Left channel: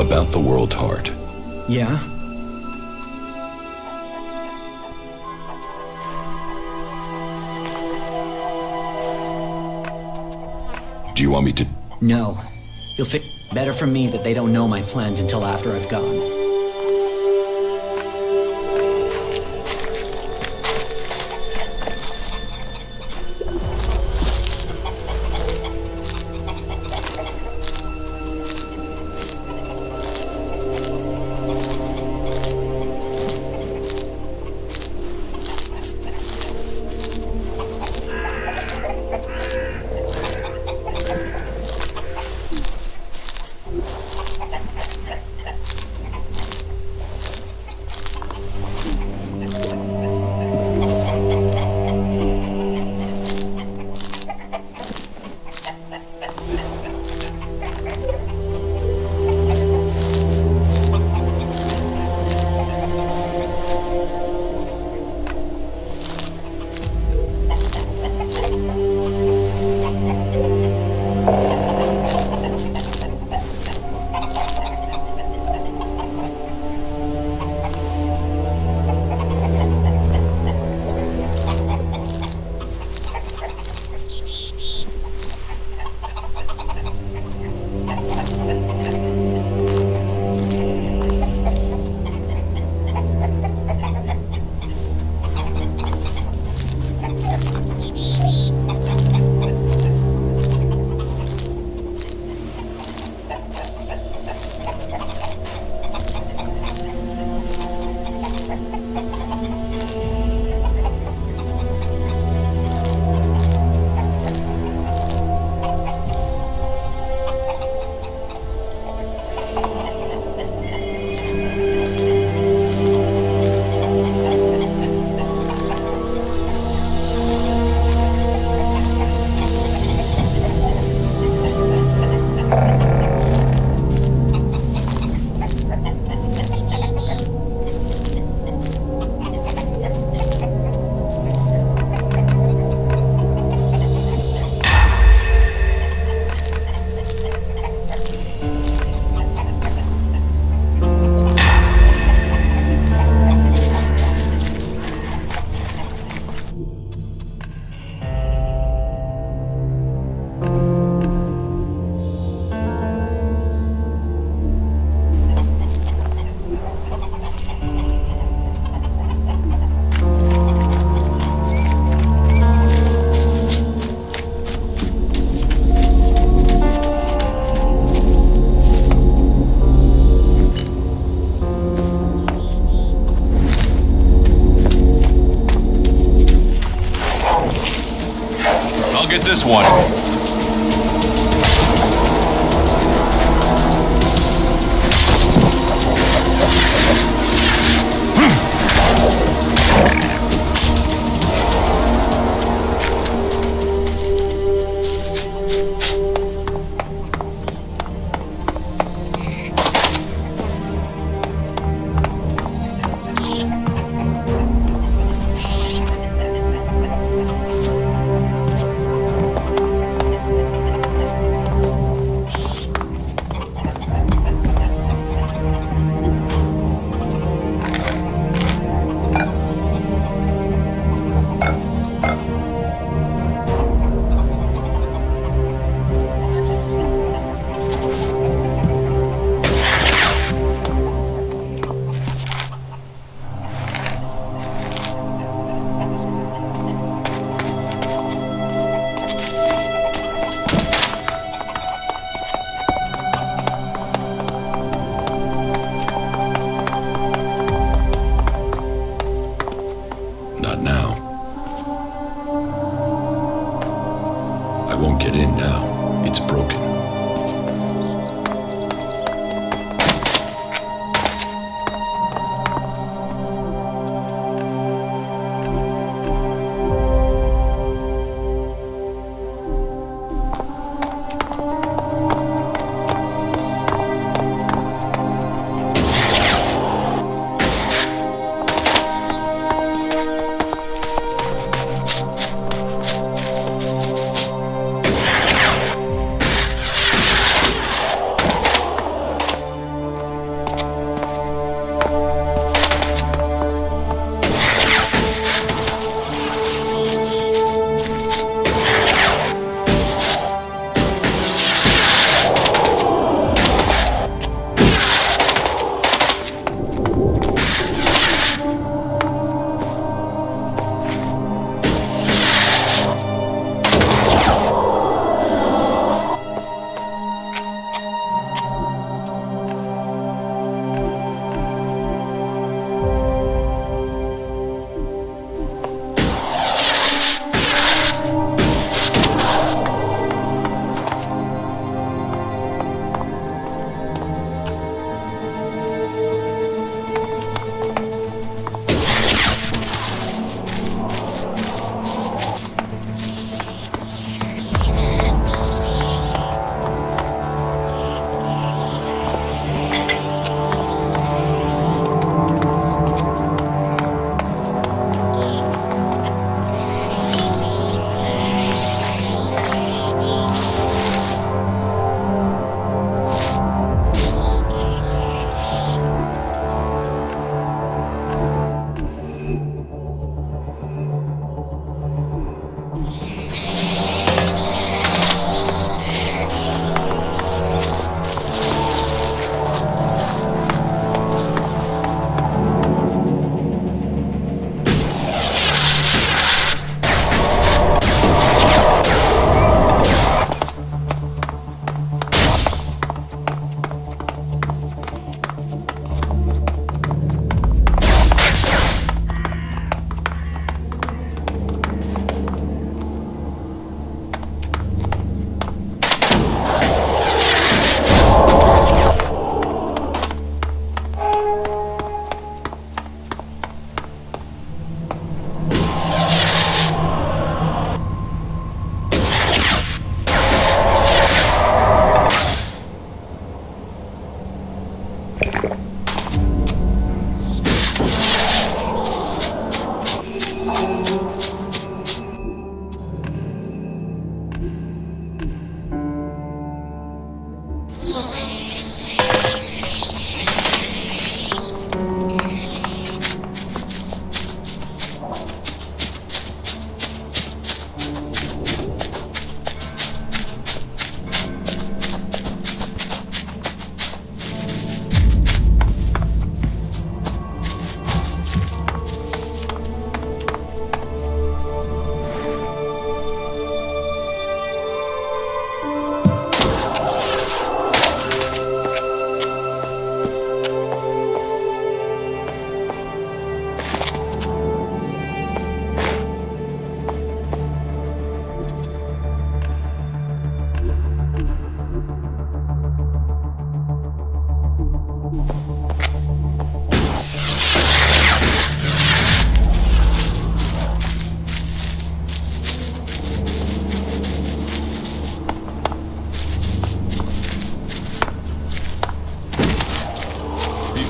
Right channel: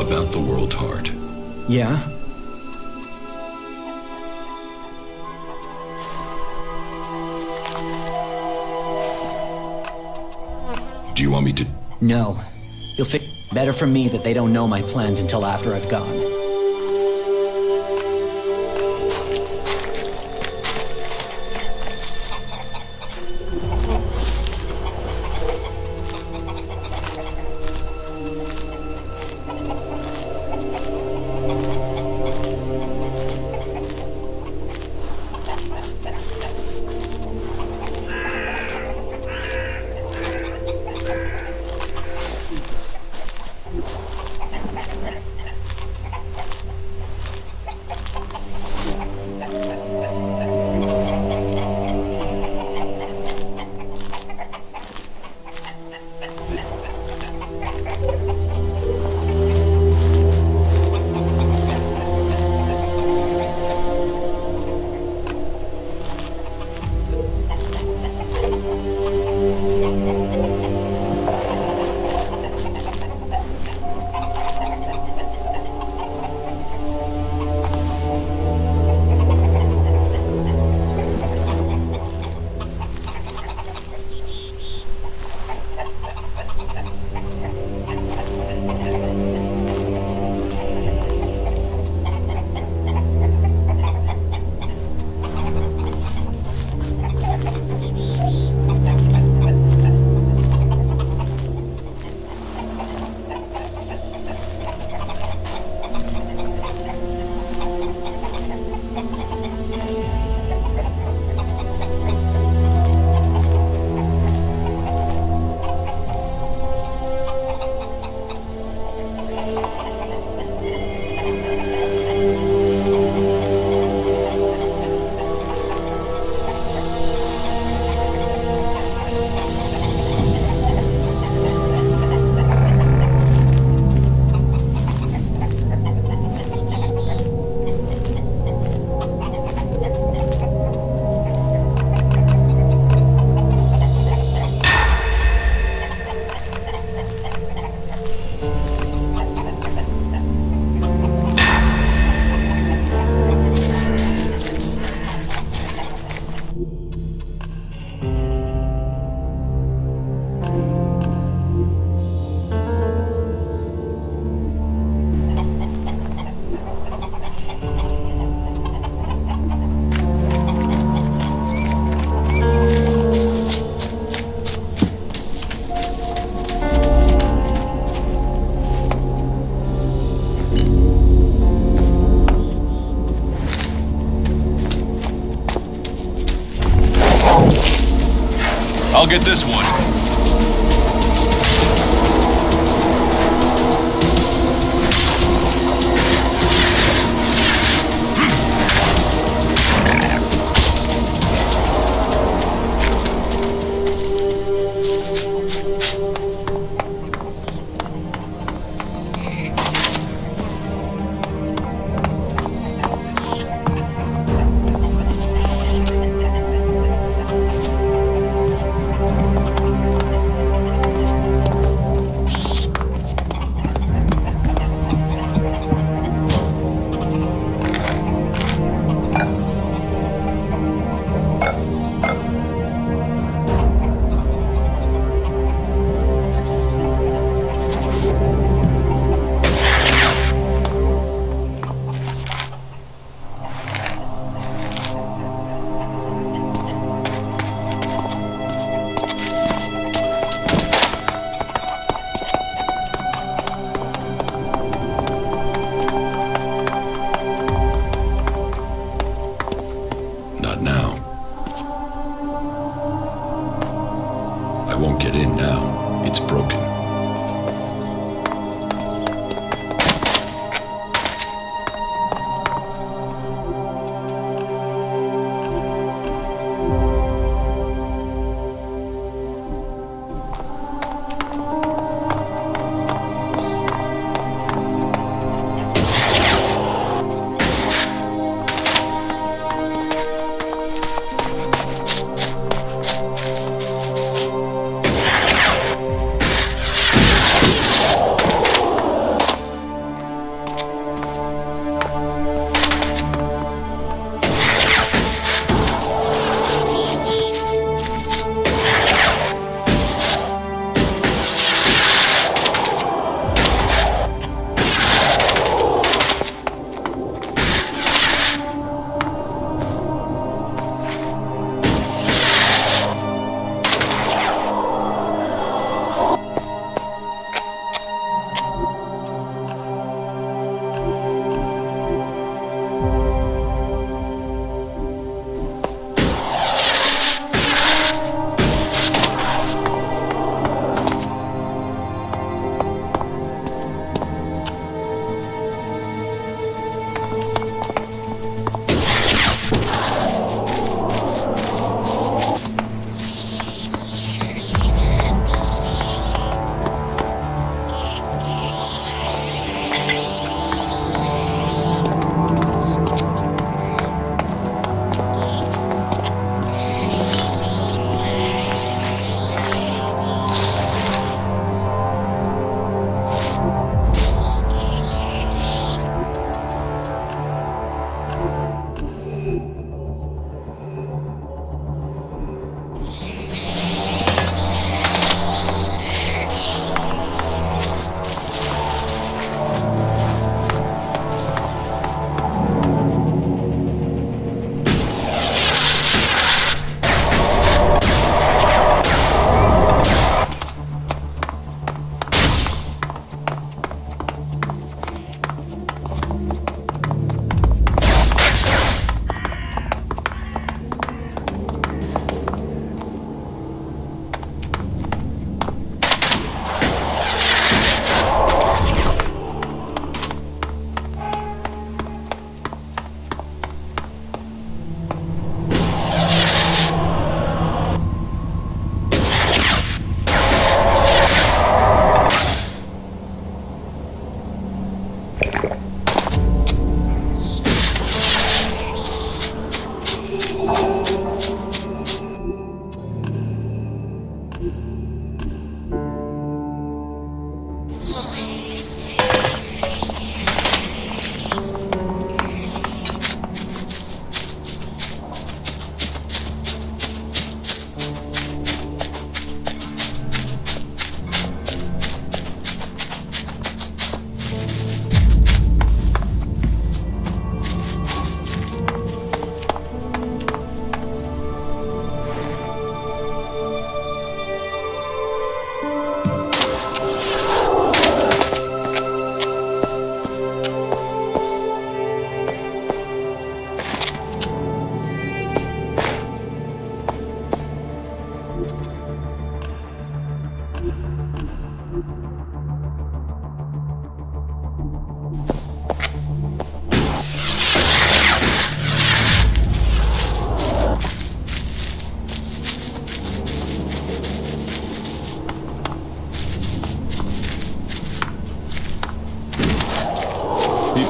About the world heart. Yeah? Do you want me to... No. You'll fit better for me that they don't know my plans until after I've gone. I'll get this one. Not now. I won't get in now. It's broken.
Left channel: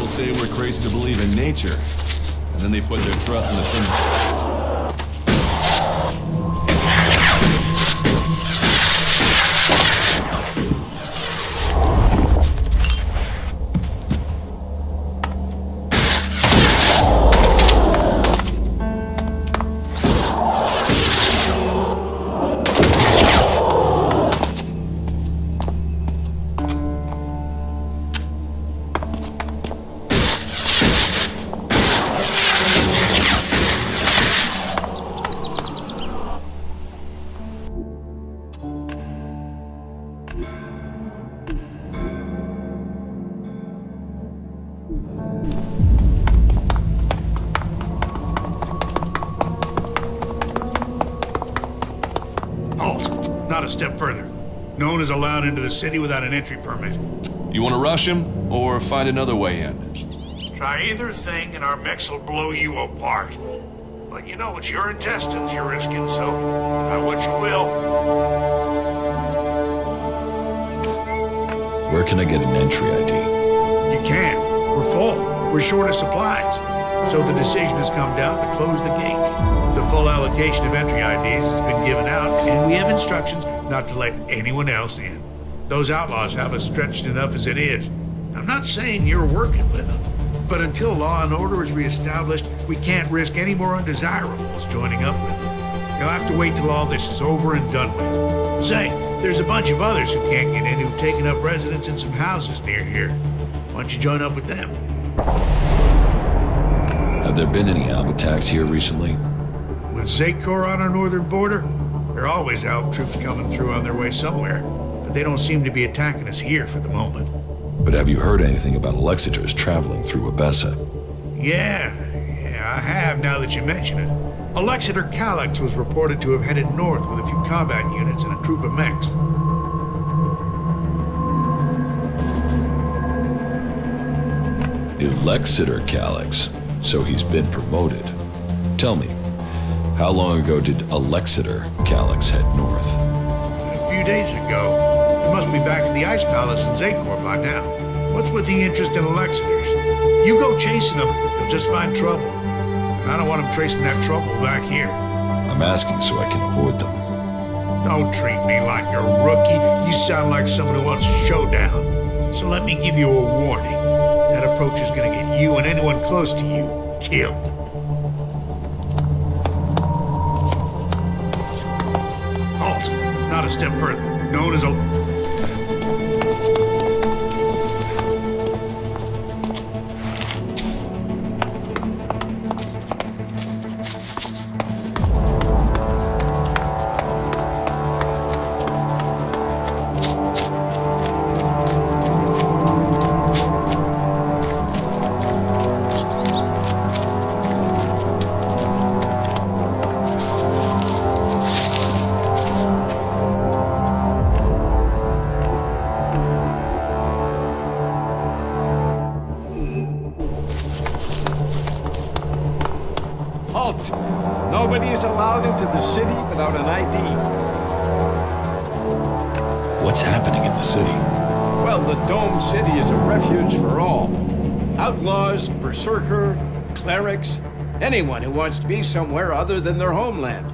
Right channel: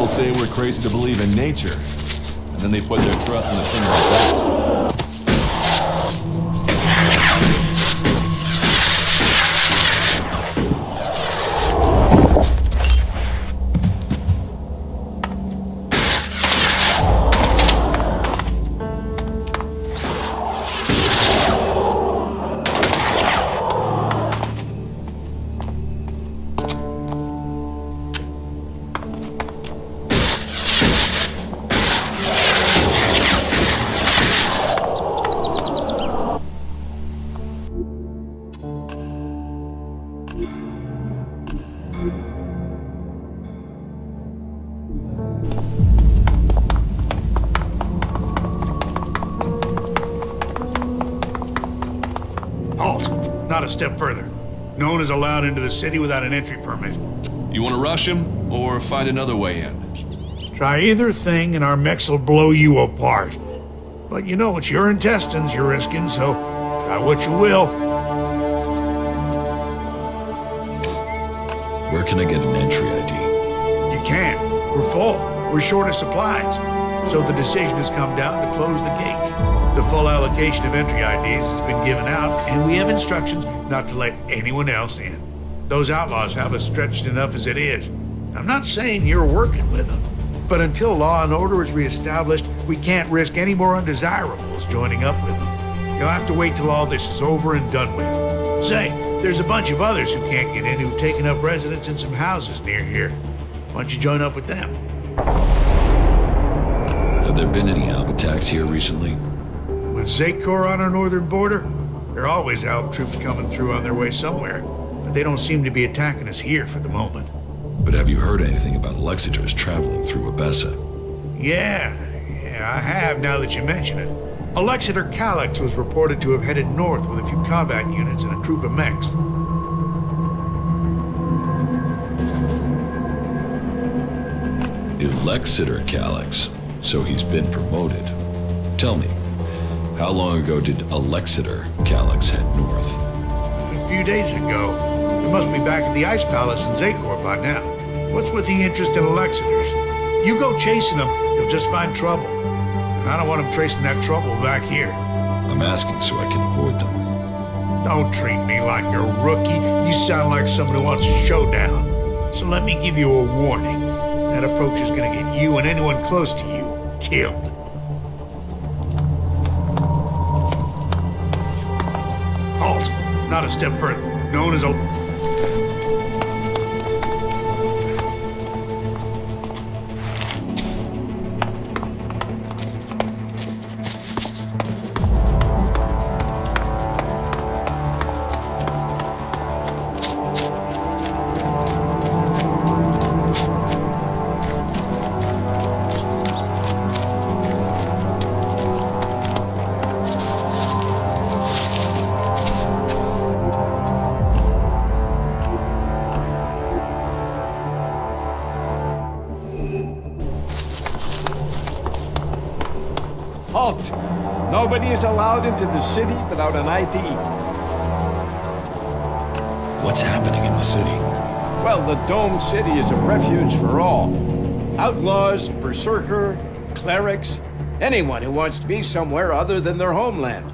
people say we're crazy to believe in nature, and then they put their trust in a thing like that. Halt! Not a step further. No one is allowed into the city without an entry permit. You want to rush him, or find another way in? Try either thing and our mechs will blow you apart. But you know, it's your intestines you're risking, so try what you will. Where can I get an entry ID? You can't. We're full. We're short of supplies. So the decision has come down to close the gates. The full allocation of entry IDs has been given out, and we have instructions not to let anyone else in. Those outlaws have us stretched enough as it is. I'm not saying you're working with them, but until law and order is reestablished, we can't risk any more undesirables joining up with them. You'll have to wait till all this is over and done with. Say, there's a bunch of others who can't get in who've taken up residence in some houses near here. Why don't you join up with them? Have there been any Alb attacks here recently? With Zakor on our northern border, there are always Alb troops coming through on their way somewhere, but they don't seem to be attacking us here for the moment. But have you heard anything about Alexiters traveling through Abessa? Yeah, I have now that you mention it. Alexiter Calyx was reported to have headed north with a few combat units and a troop of mechs. Alexiter Calyx, so he's been promoted. Tell me, how long ago did Alexiter Calyx head north? A few days ago. They must be back at the Ice Palace in Zakor by now. What's with the interest in Alexiters? You go chasing them, you'll just find trouble. And I don't want them tracing that trouble back here. I'm asking so I can avoid them. Don't treat me like a rookie. You sound like someone who wants a showdown. So let me give you a warning. That approach is gonna get you and anyone close to you killed. Halt! Not a step further. Known as a... Halt! Nobody is allowed into the city without an ID. What's happening in the city? Well, the Dome City is a refuge for all. Outlaws, berserker, clerics, anyone who wants to be somewhere other than their homeland.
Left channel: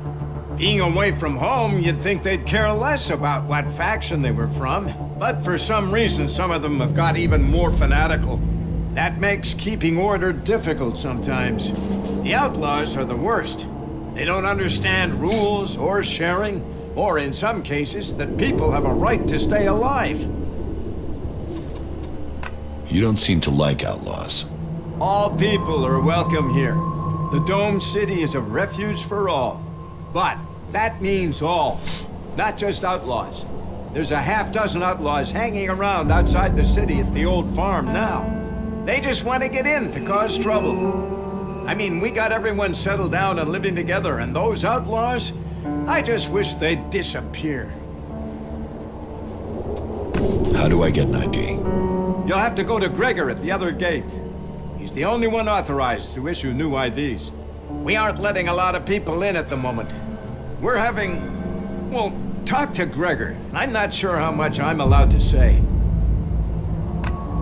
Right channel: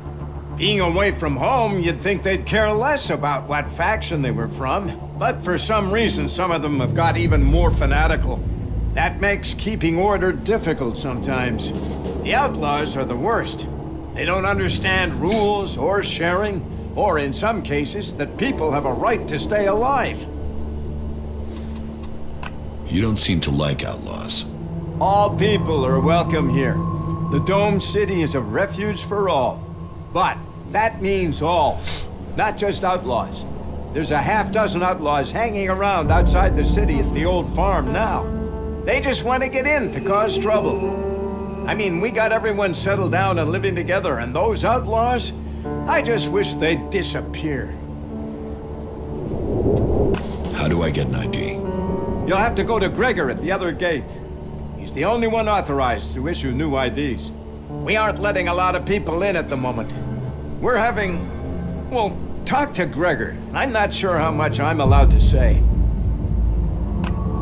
Being away from home, you'd think they'd care less about what faction they were from. But for some reason, some of them have got even more fanatical. That makes keeping order difficult sometimes. The outlaws are the worst. They don't understand rules or sharing, or in some cases, that people have a right to stay alive. You don't seem to like outlaws. All people are welcome here. The Dome City is a refuge for all. But that means all, not just outlaws. There's a half-dozen outlaws hanging around outside the city at the old farm now. They just want to get in to cause trouble. I mean, we got everyone settled down and living together, and those outlaws, I just wish they'd disappear. How do I get an ID? You'll have to go to Gregor at the other gate. He's the only one authorized to issue new IDs. We aren't letting a lot of people in at the moment. We're having... well, talk to Gregor. I'm not sure how much I'm allowed to say.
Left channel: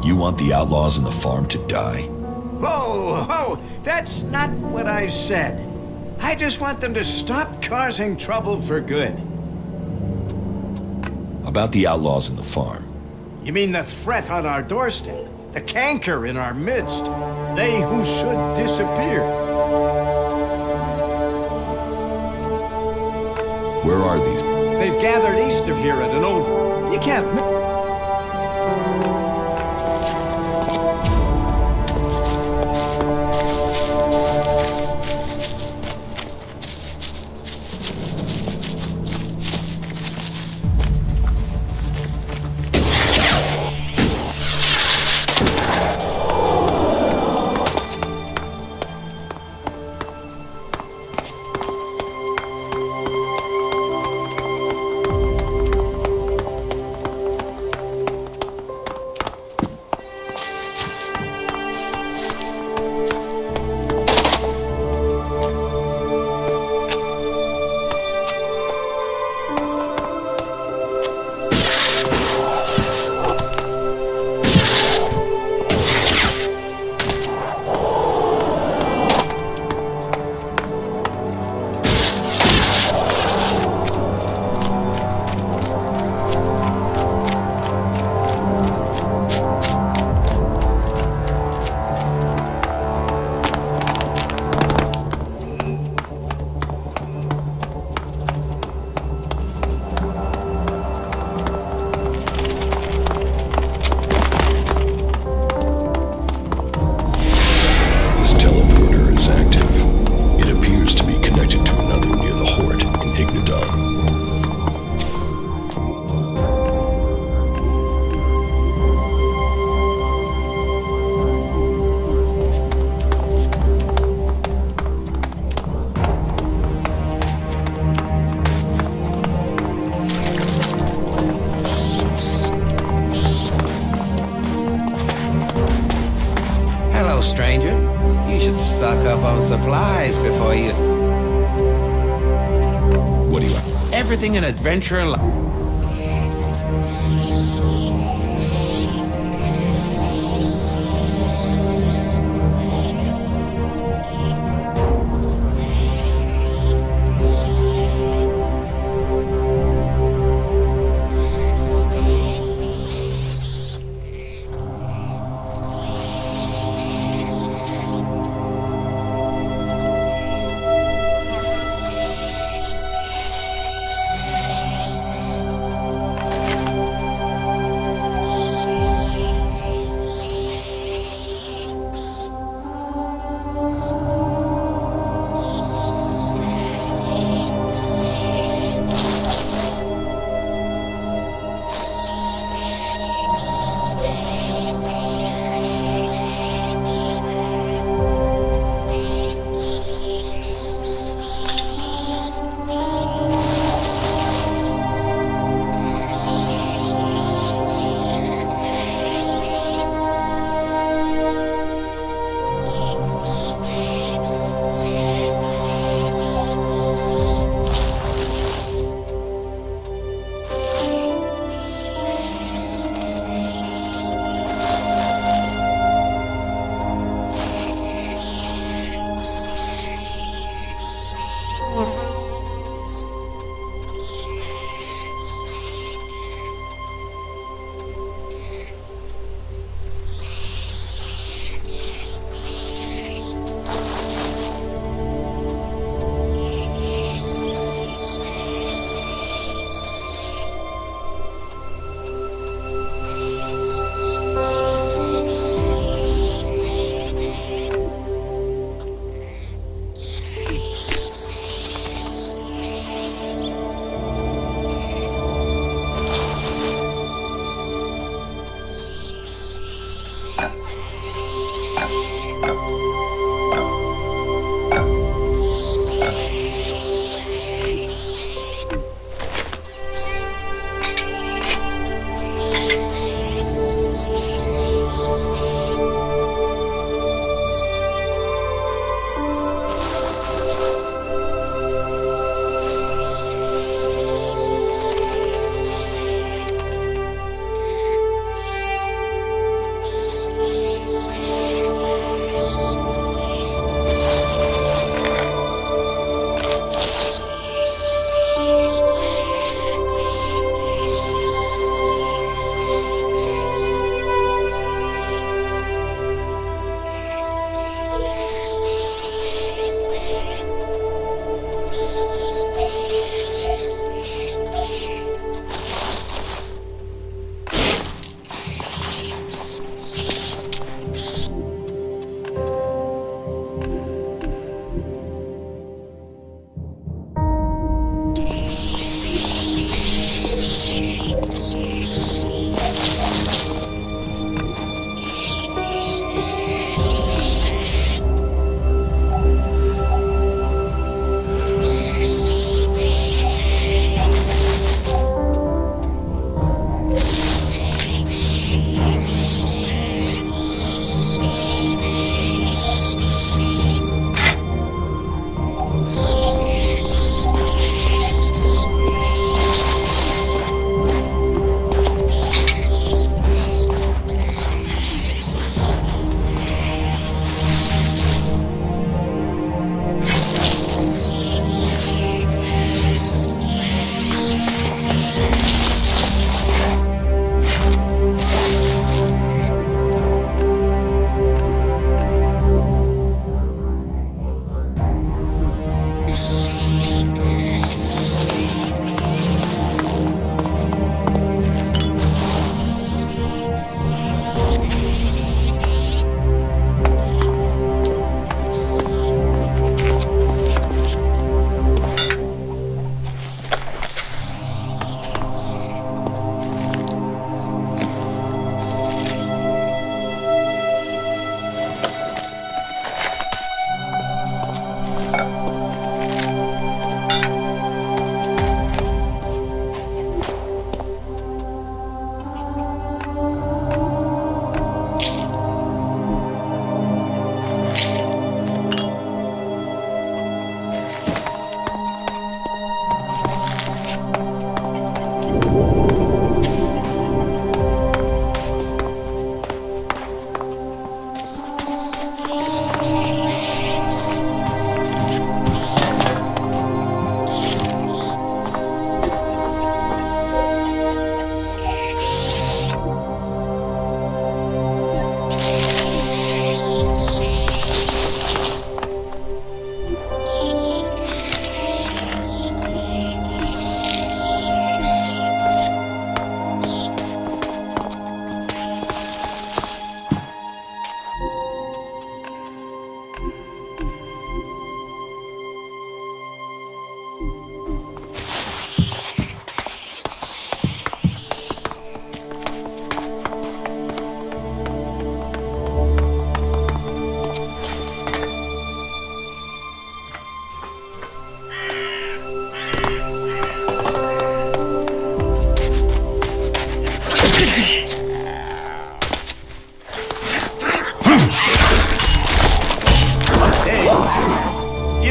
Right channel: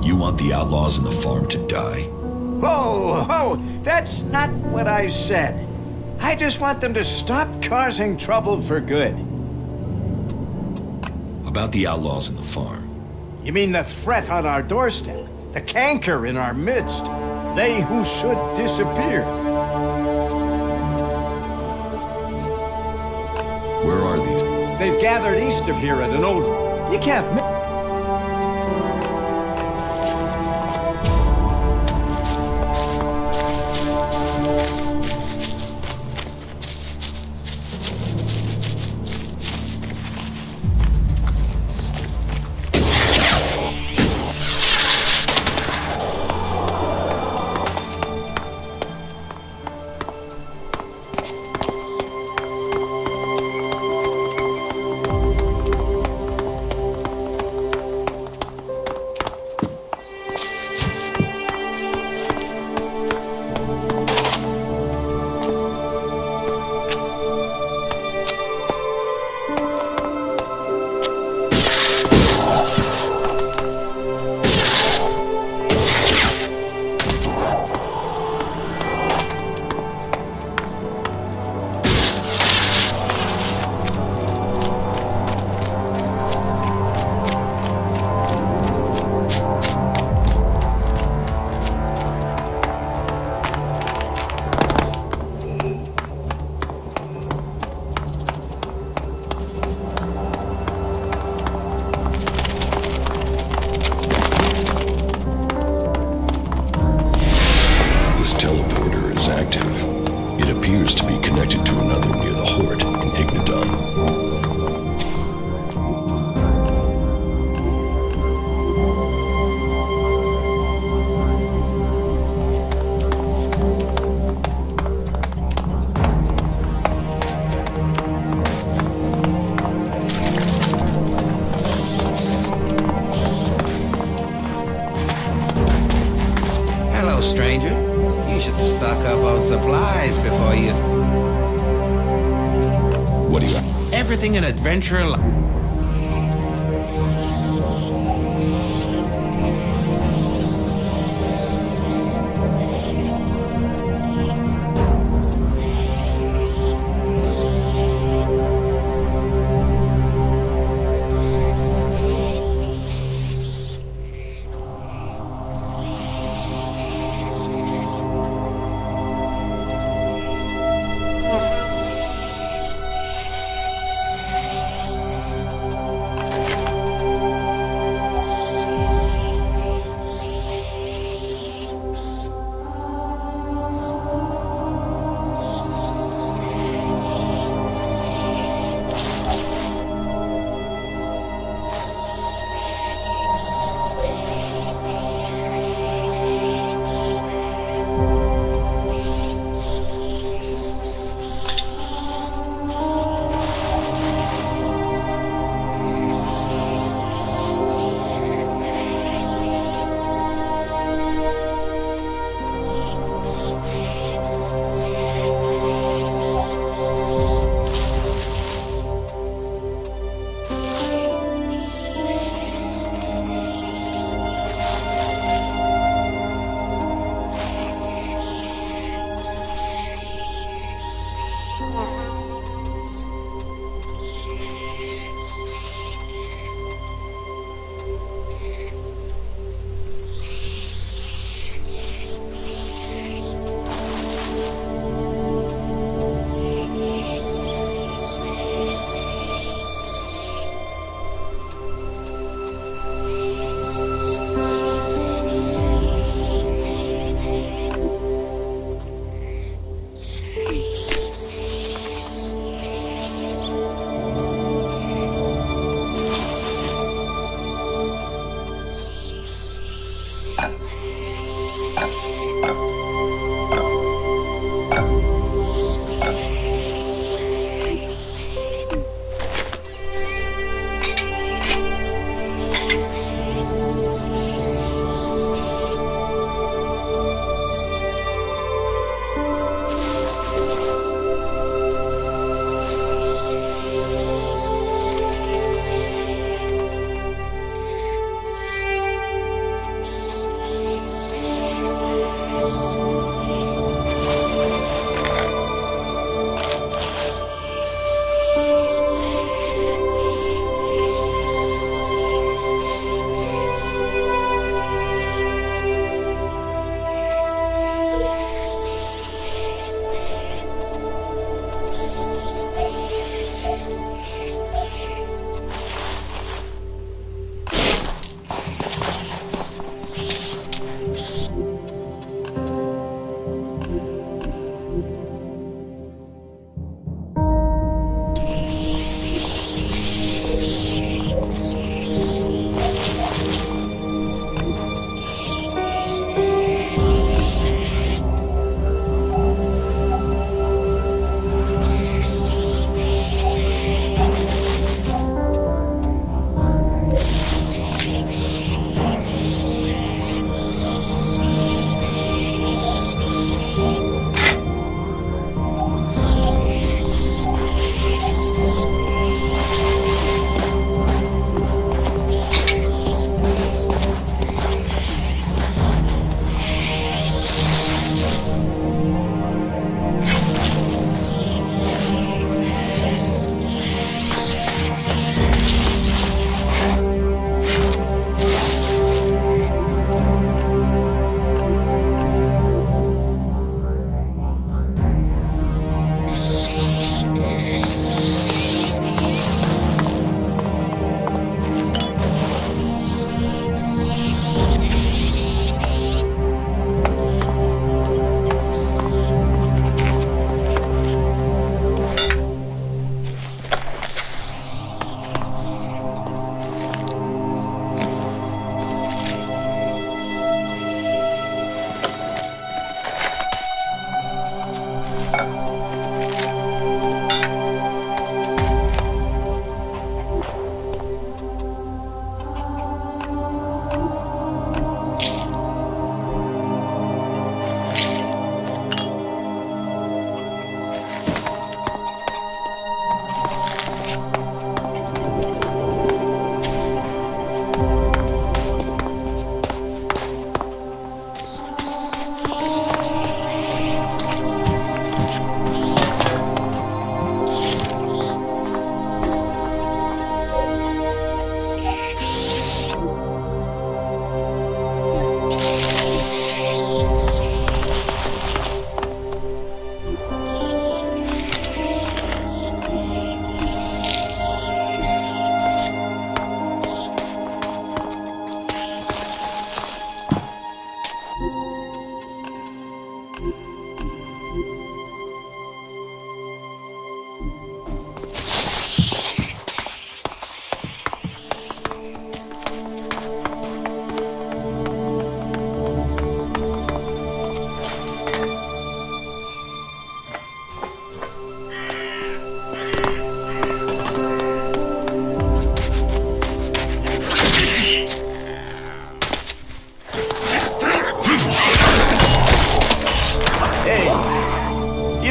You want the outlaws in the farm to die? Whoa, whoa, that's not what I said. I just want them to stop causing trouble for good. About the outlaws in the farm. You mean the threat on our doorstep? The canker in our midst? They who should disappear? Where are these? They've gathered east of here at an old... You can't... is active. It appears to be connected to another near the Hort in Ignadon. Hello, stranger. You should stock up on supplies before you... What do you have? Everything an adventurer likes.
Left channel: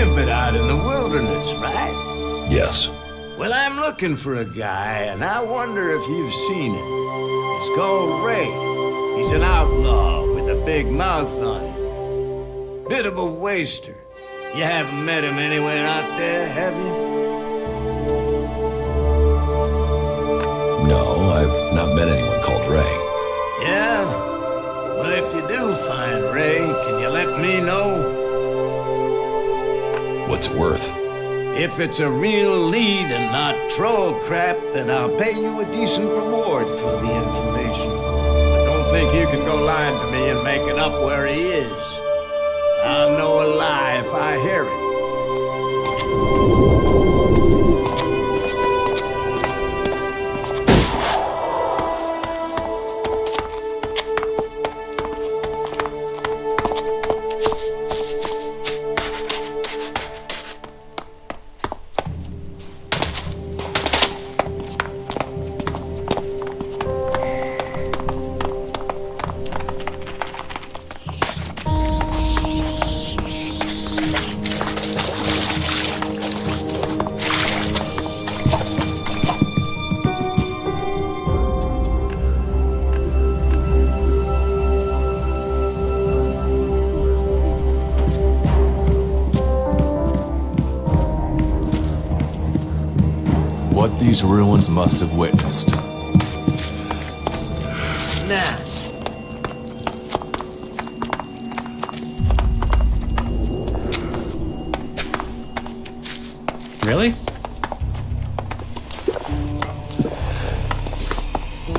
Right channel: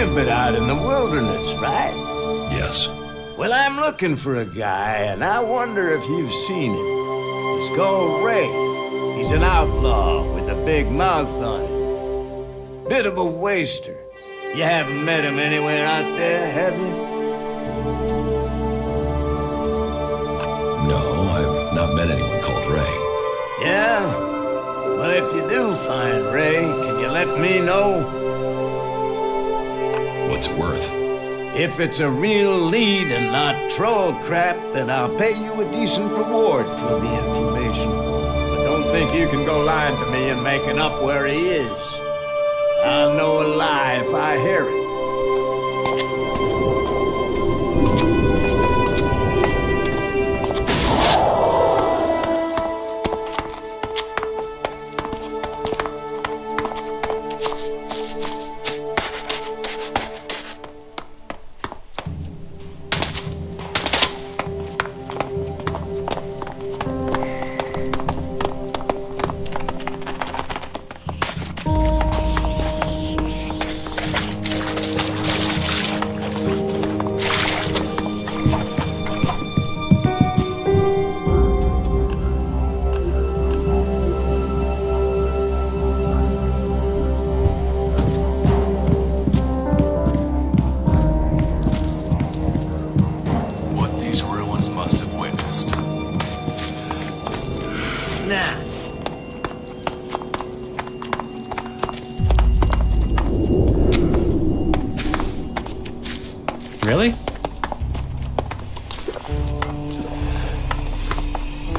You've been out in the wilderness, right? Yes. Well, I'm looking for a guy, and I wonder if you've seen him. He's called Ray. He's an outlaw with a big mouth on him. Bit of a waster. You haven't met him anywhere out there, have you? No, I've not met anyone called Ray. Yeah? Well, if you do find Ray, can you let me know? What's it worth? If it's a real lead and not troll crap, then I'll pay you a decent reward for the information. But don't think you can go lying to me and making up where he is. I'll know a lie if I hear it. These ruins must have witnessed. Nah. Really?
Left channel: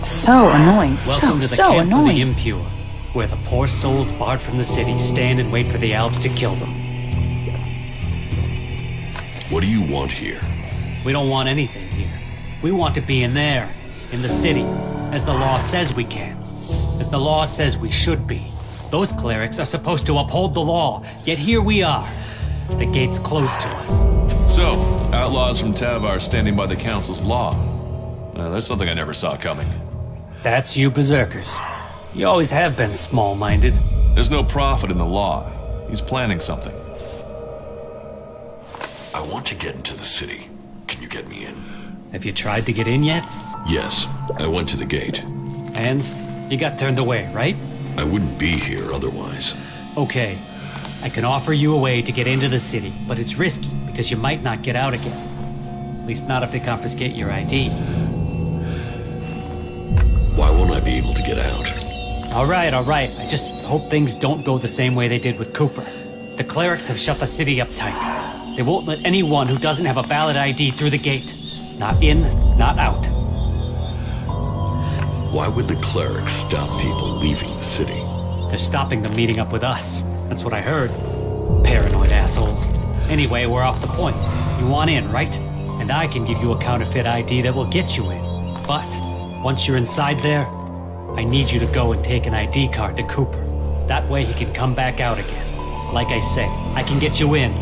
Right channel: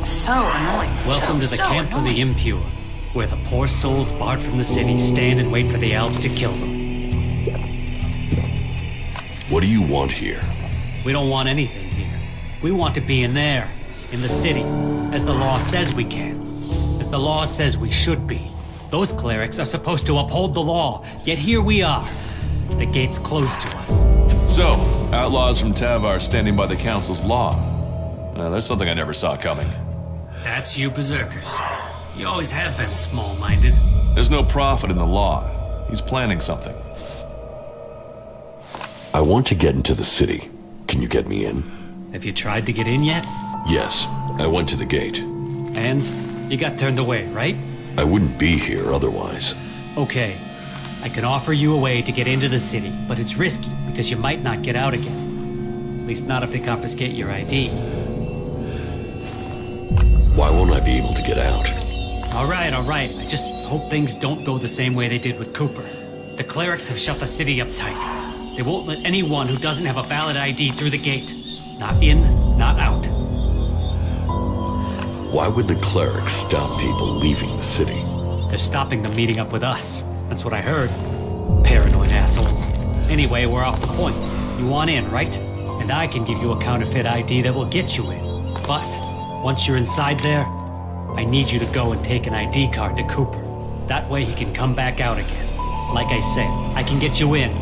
So annoying. Welcome to the so camp annoying. of the impure, where the poor souls barred from the city stand and wait for the Alps to kill them. What do you want here? We don't want anything here. We want to be in there, in the city, as the law says we can, as the law says we should be. Those clerics are supposed to uphold the law, yet here we are. The gate's closed to us. So, outlaws from Tavar standing by the council's law. There's something I never saw coming. That's you berserkers. You always have been small-minded. There's no profit in the law. He's planning something. I want to get into the city. Can you get me in? Have you tried to get in yet? Yes, I went to the gate. And you got turned away, right? I wouldn't be here otherwise. Okay. I can offer you a way to get into the city, but it's risky because you might not get out again. At least not if they confiscate your ID. Why won't I be able to get out? All right. I just hope things don't go the same way they did with Cooper. The clerics have shut the city up tight. They won't let anyone who doesn't have a valid ID through the gate. Not in, not out. Why would the clerics stop people leaving the city? They're stopping them meeting up with us. That's what I heard. Paranoid assholes. Anyway, we're off the point. You want in, right? And I can give you a counterfeit ID that will get you in. But once you're inside there, I need you to go and take an ID card to Cooper. That way he can come back out again. Like I say, I can get you in,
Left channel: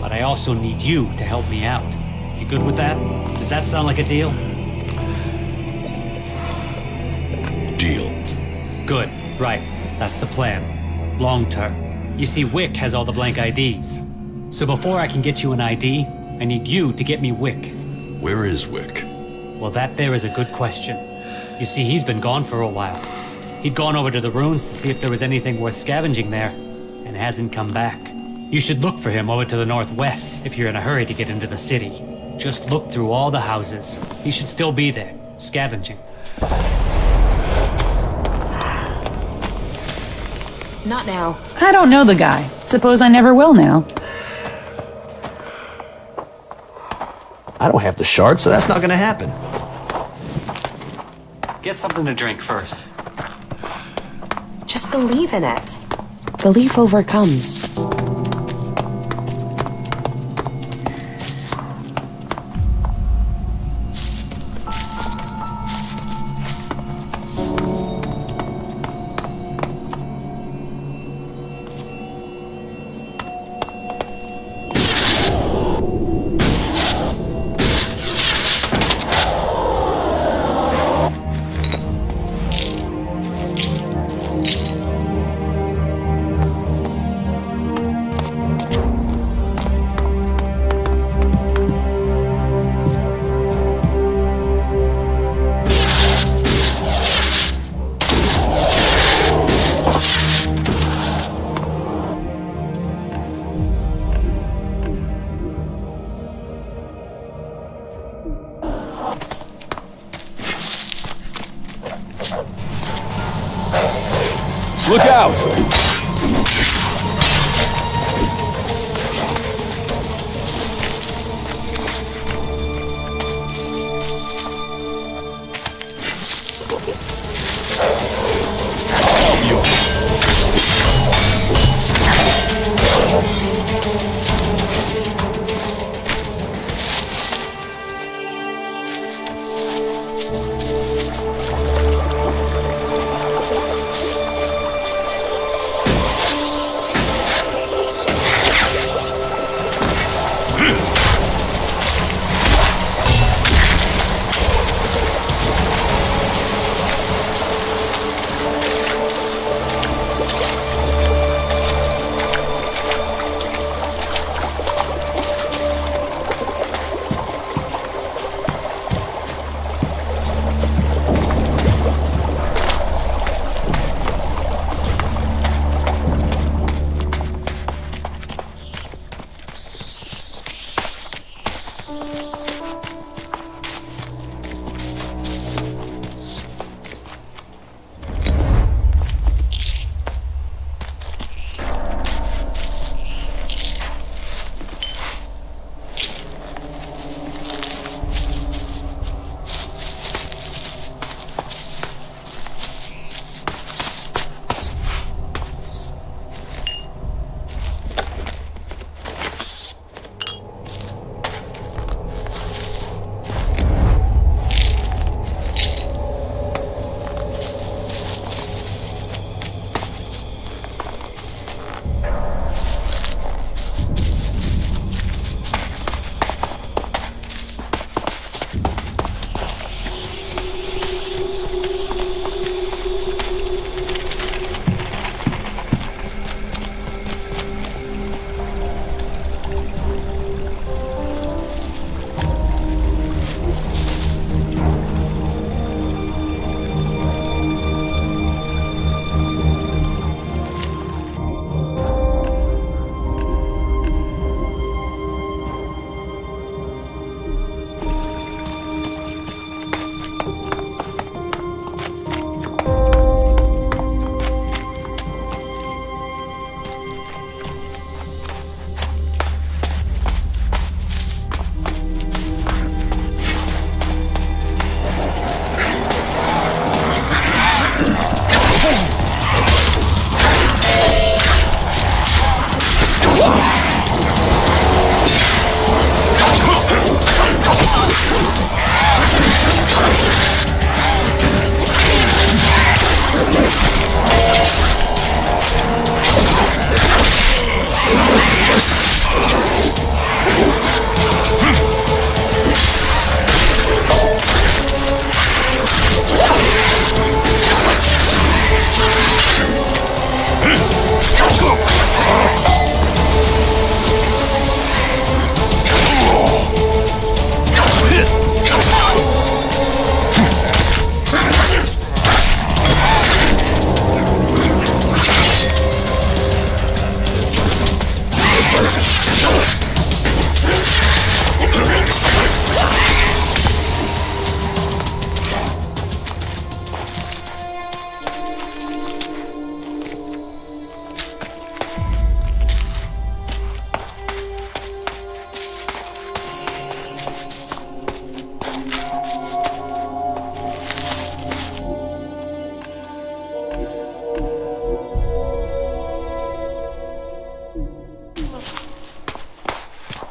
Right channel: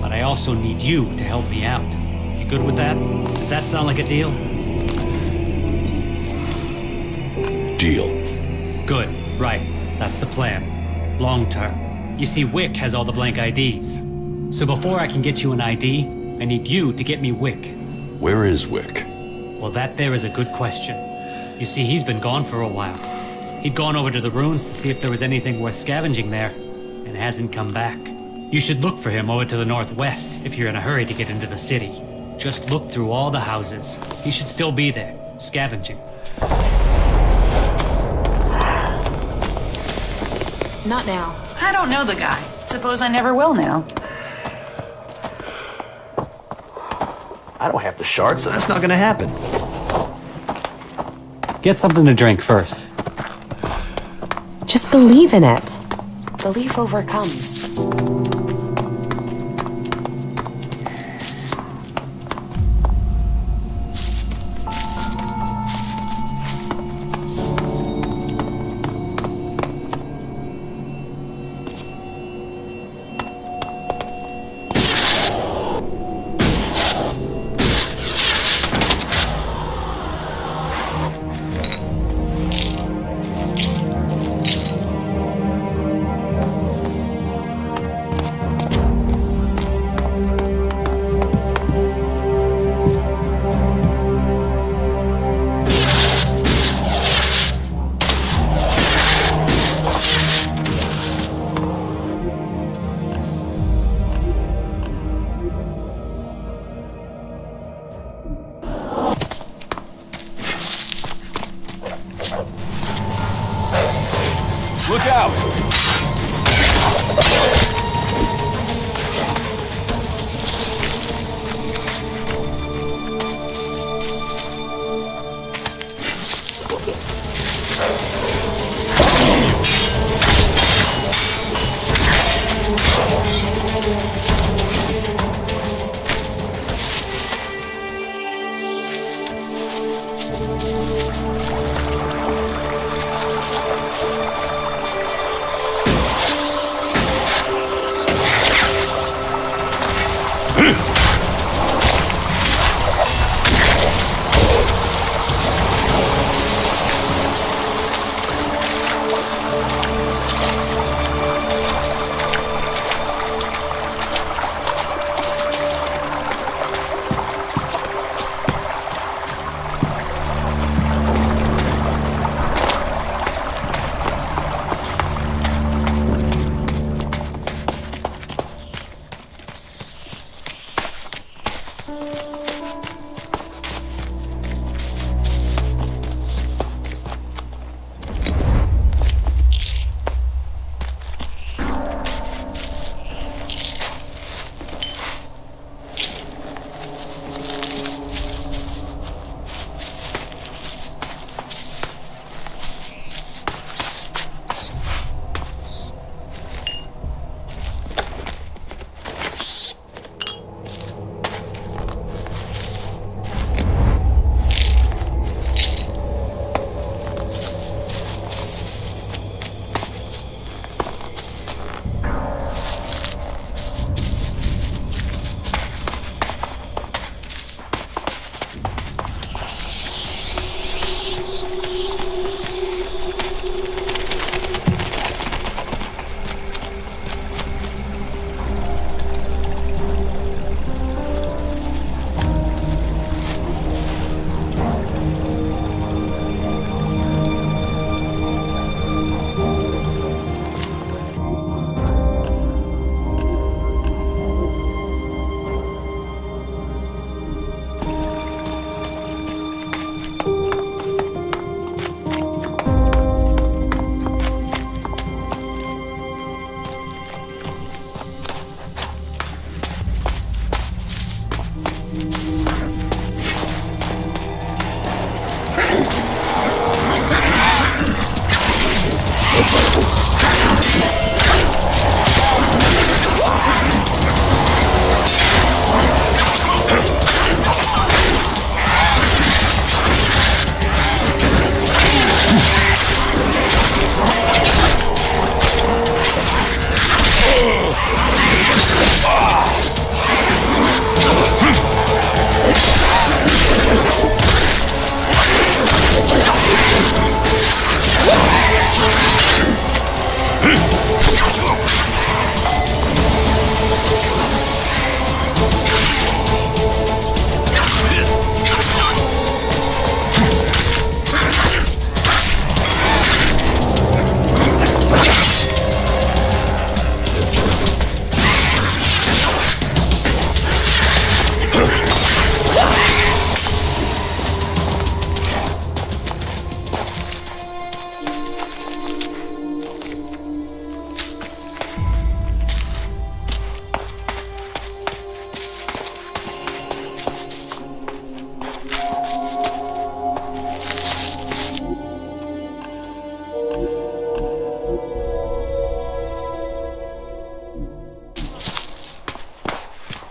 but I also need you to help me out. You good with that? Does that sound like a deal? Deal. Good, right. That's the plan. Long term. You see, Wick has all the blank IDs. So before I can get you an ID, I need you to get me Wick. Where is Wick? Well, that there is a good question. You see, he's been gone for a while. He'd gone over to the ruins to see if there was anything worth scavenging there, and hasn't come back. You should look for him over to the northwest if you're in a hurry to get into the city. Just look through all the houses. He should still be there, scavenging. Not now. I don't know the guy. Suppose I never will now. I don't have the shard, so that's not gonna happen. Get something to drink first. Just believe in it. Belief overcomes.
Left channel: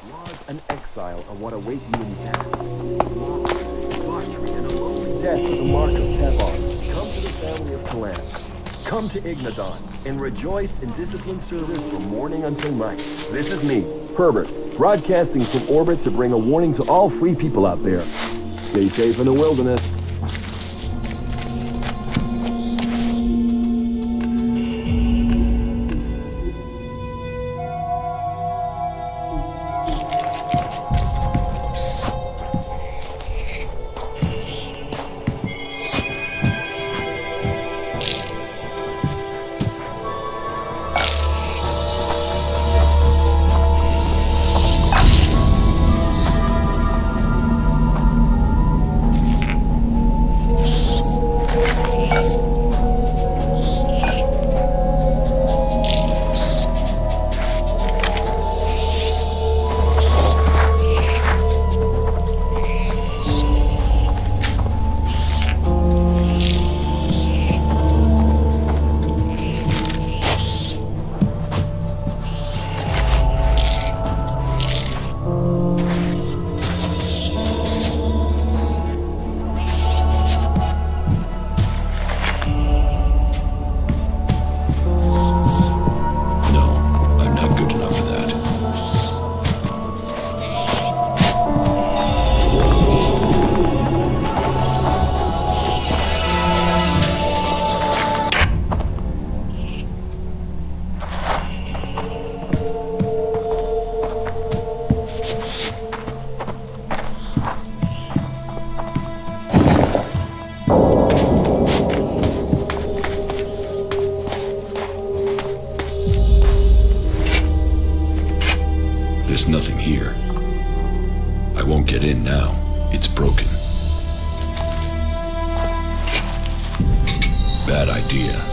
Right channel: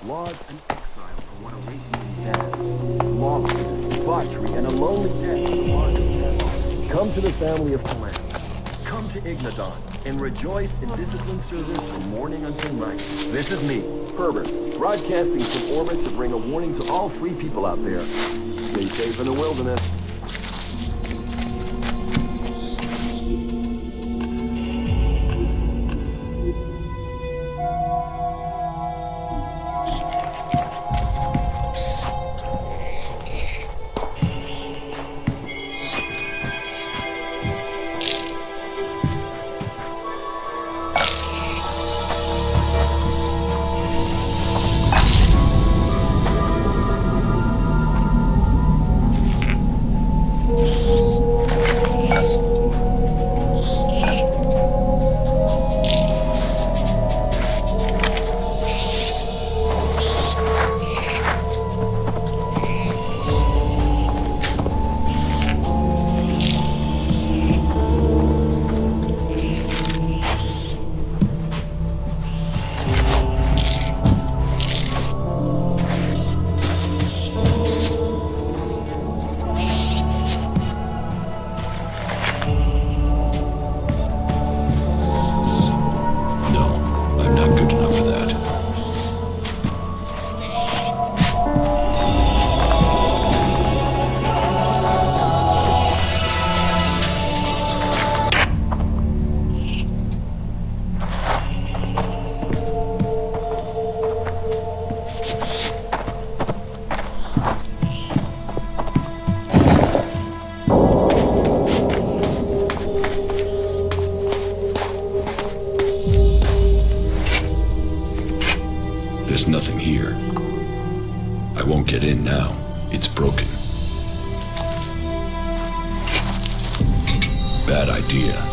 Laws and exile are what await you in death. Lawlessness, debauchery, and a lonely death are the mark of Tevar. Come to the family of Kalan. Come to Ignadon, and rejoice in disciplined service from morning until night. This is me, Herbert, broadcasting from orbit to bring a warning to all free people out there. Stay safe in the wilderness. down for that. There's nothing here. I won't get in now. It's broken. Bad idea.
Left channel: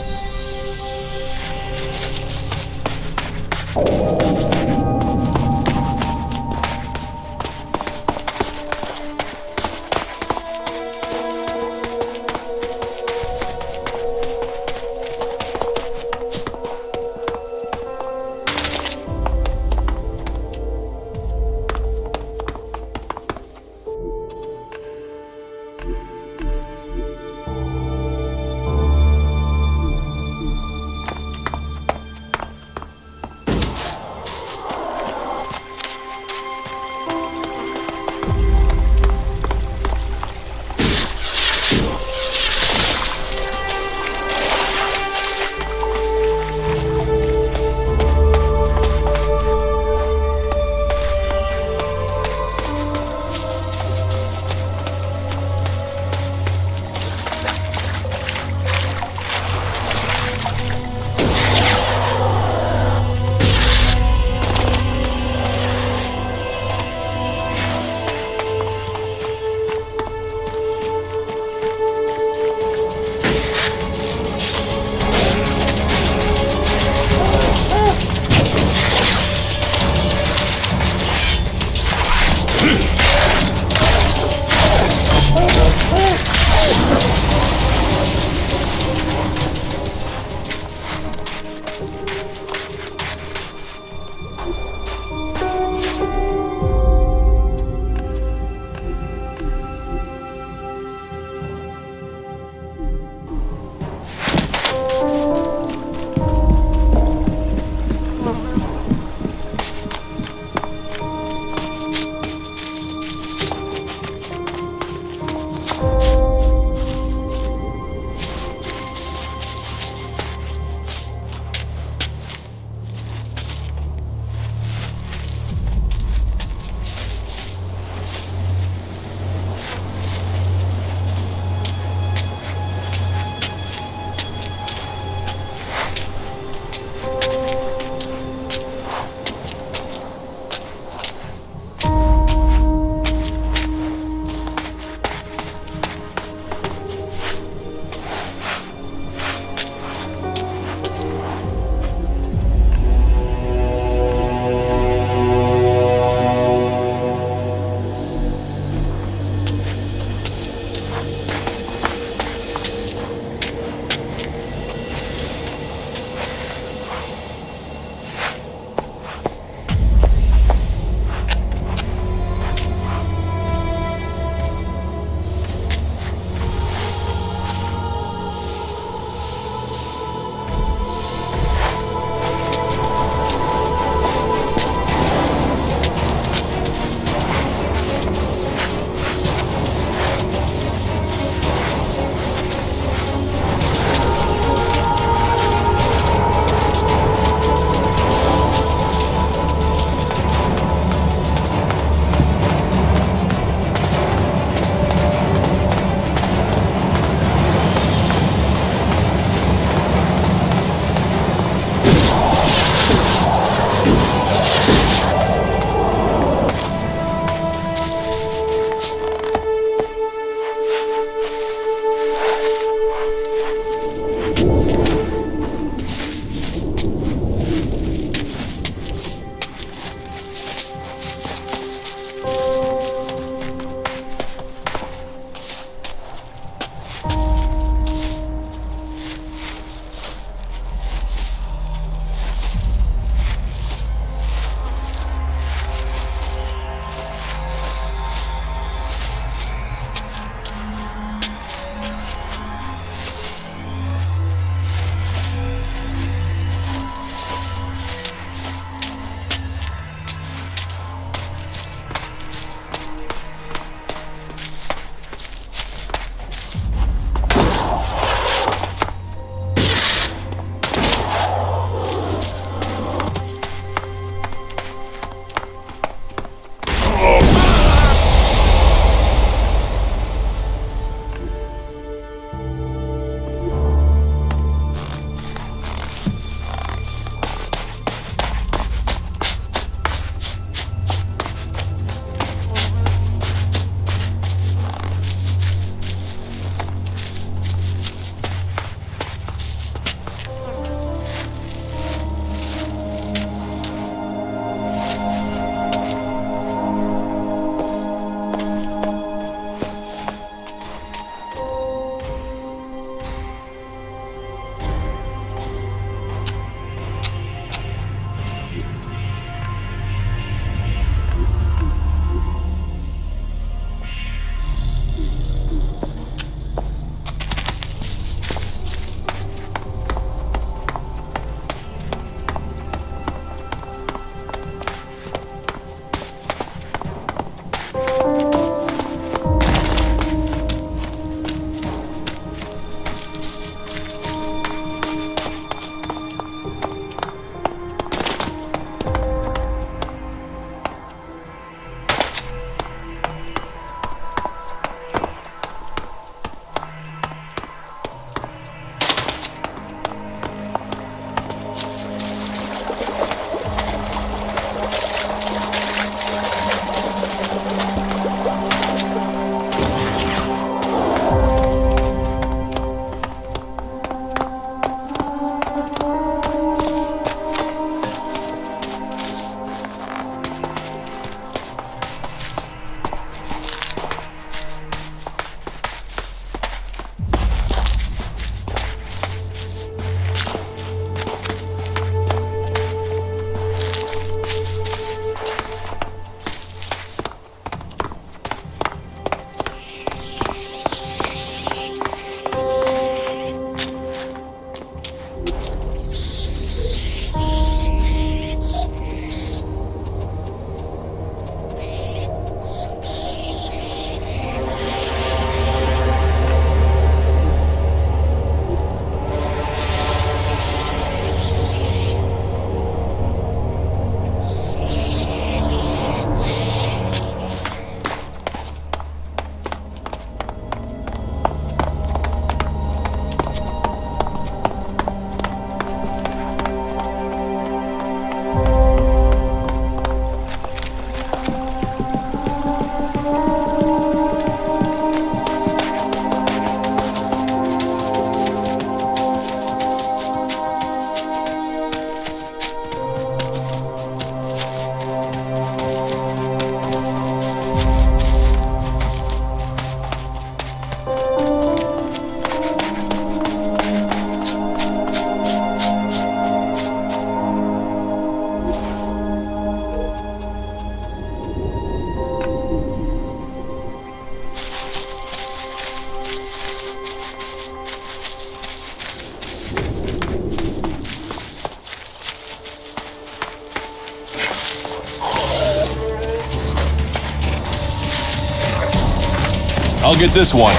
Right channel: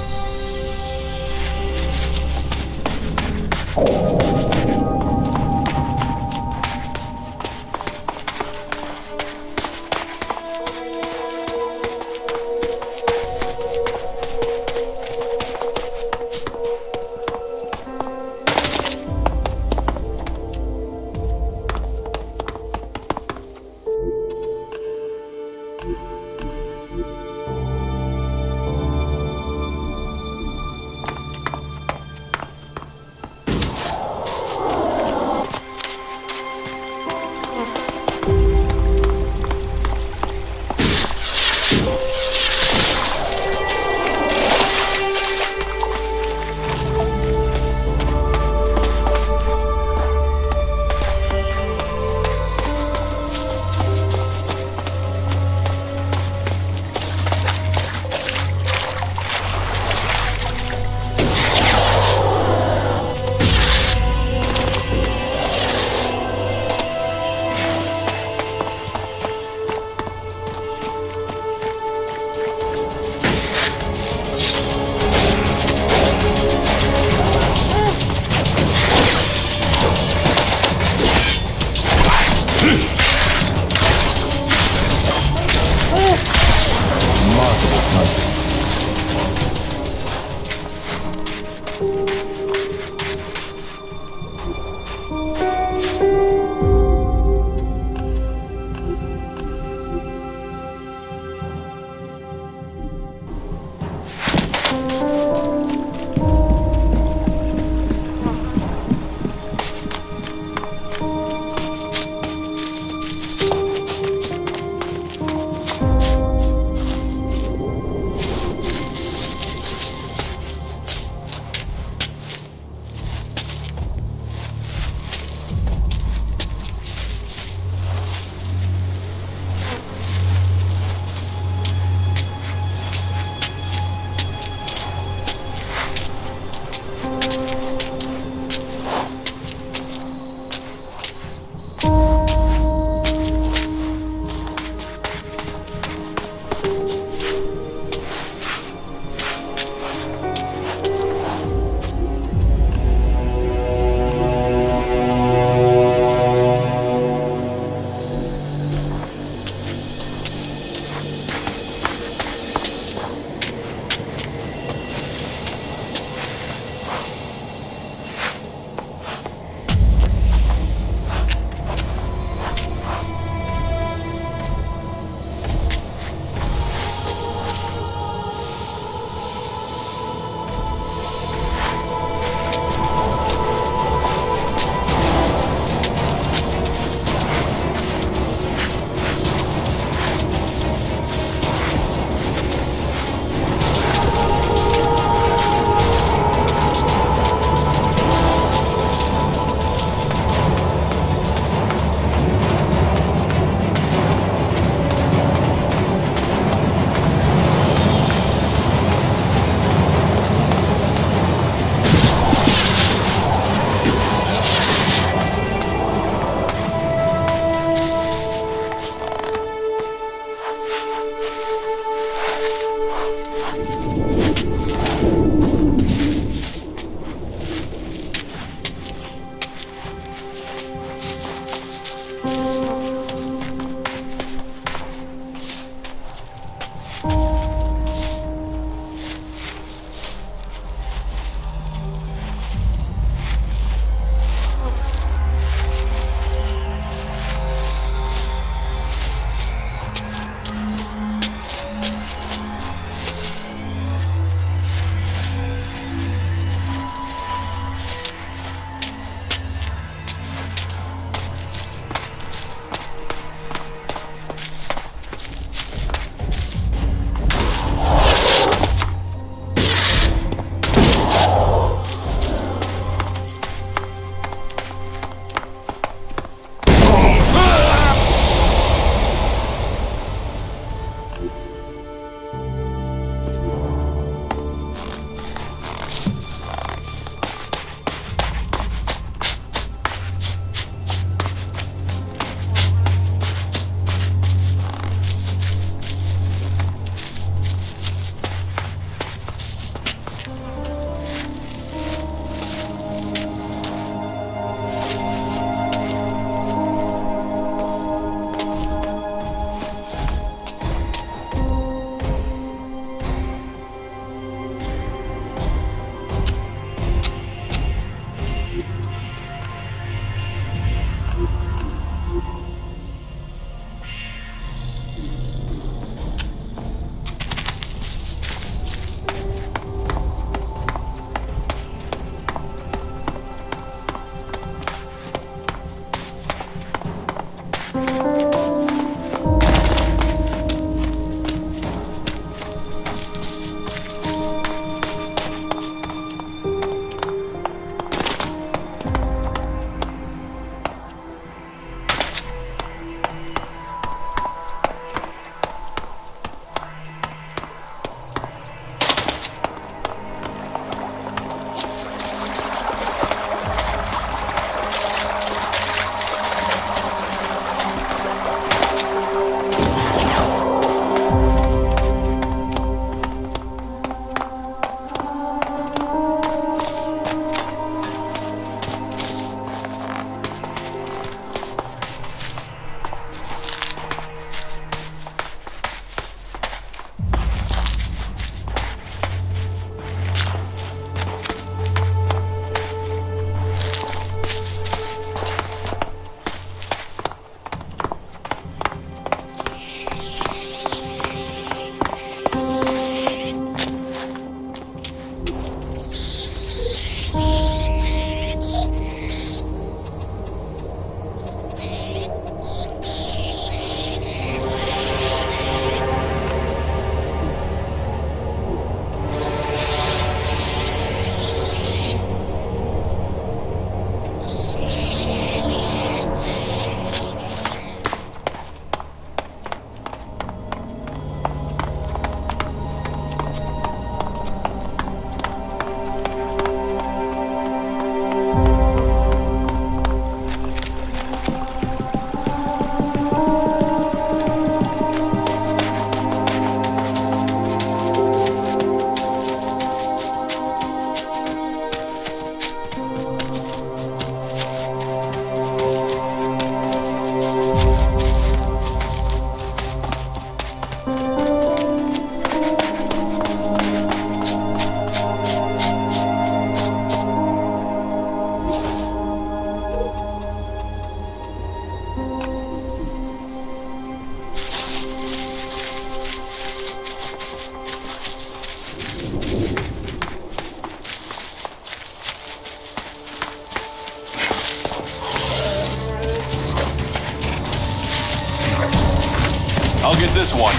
this one.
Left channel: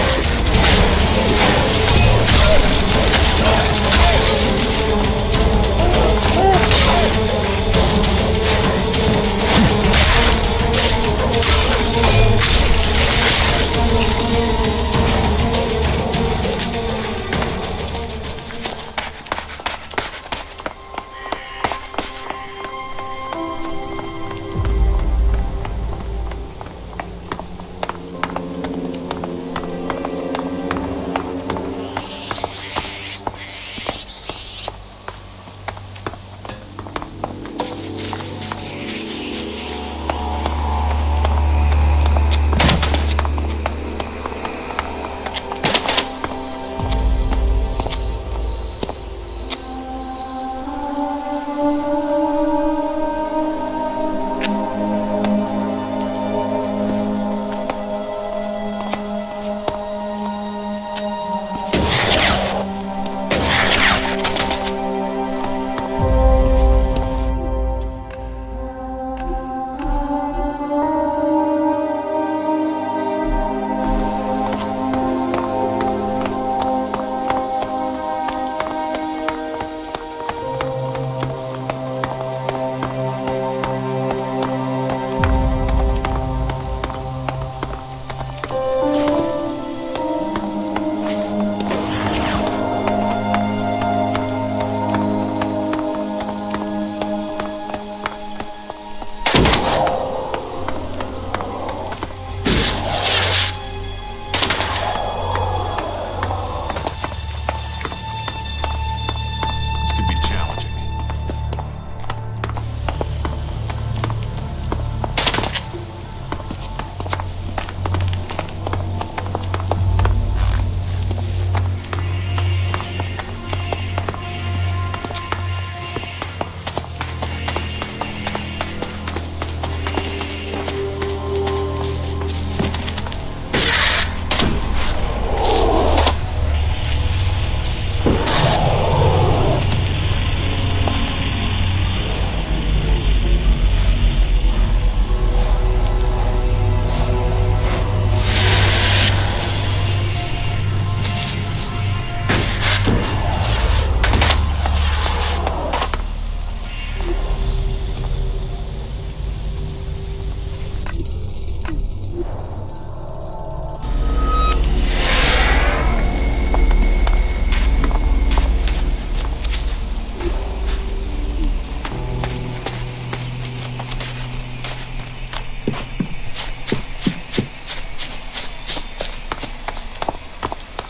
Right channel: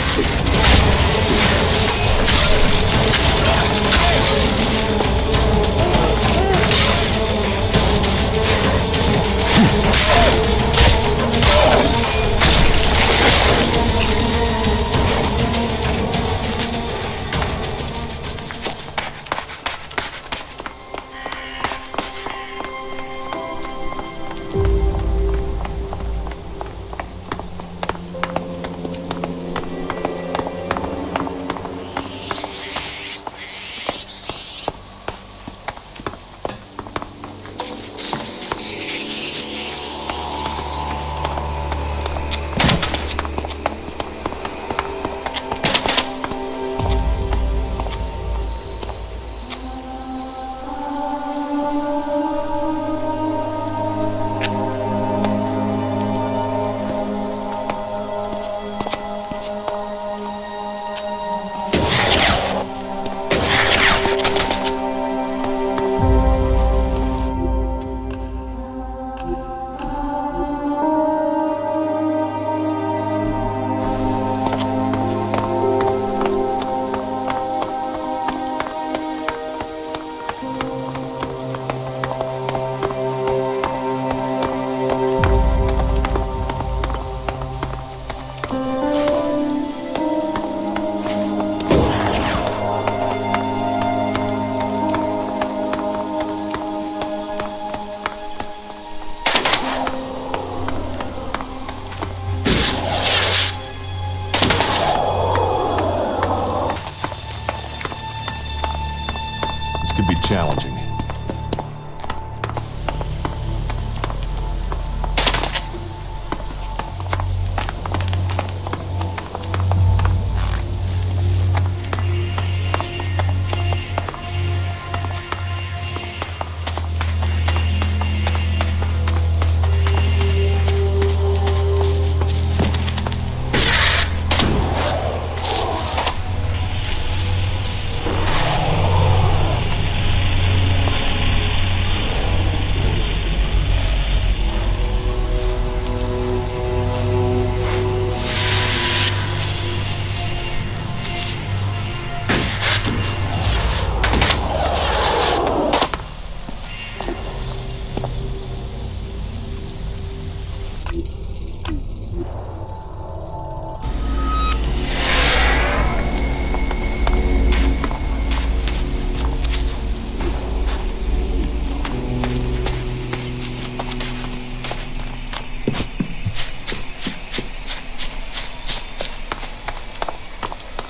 Could be challenging.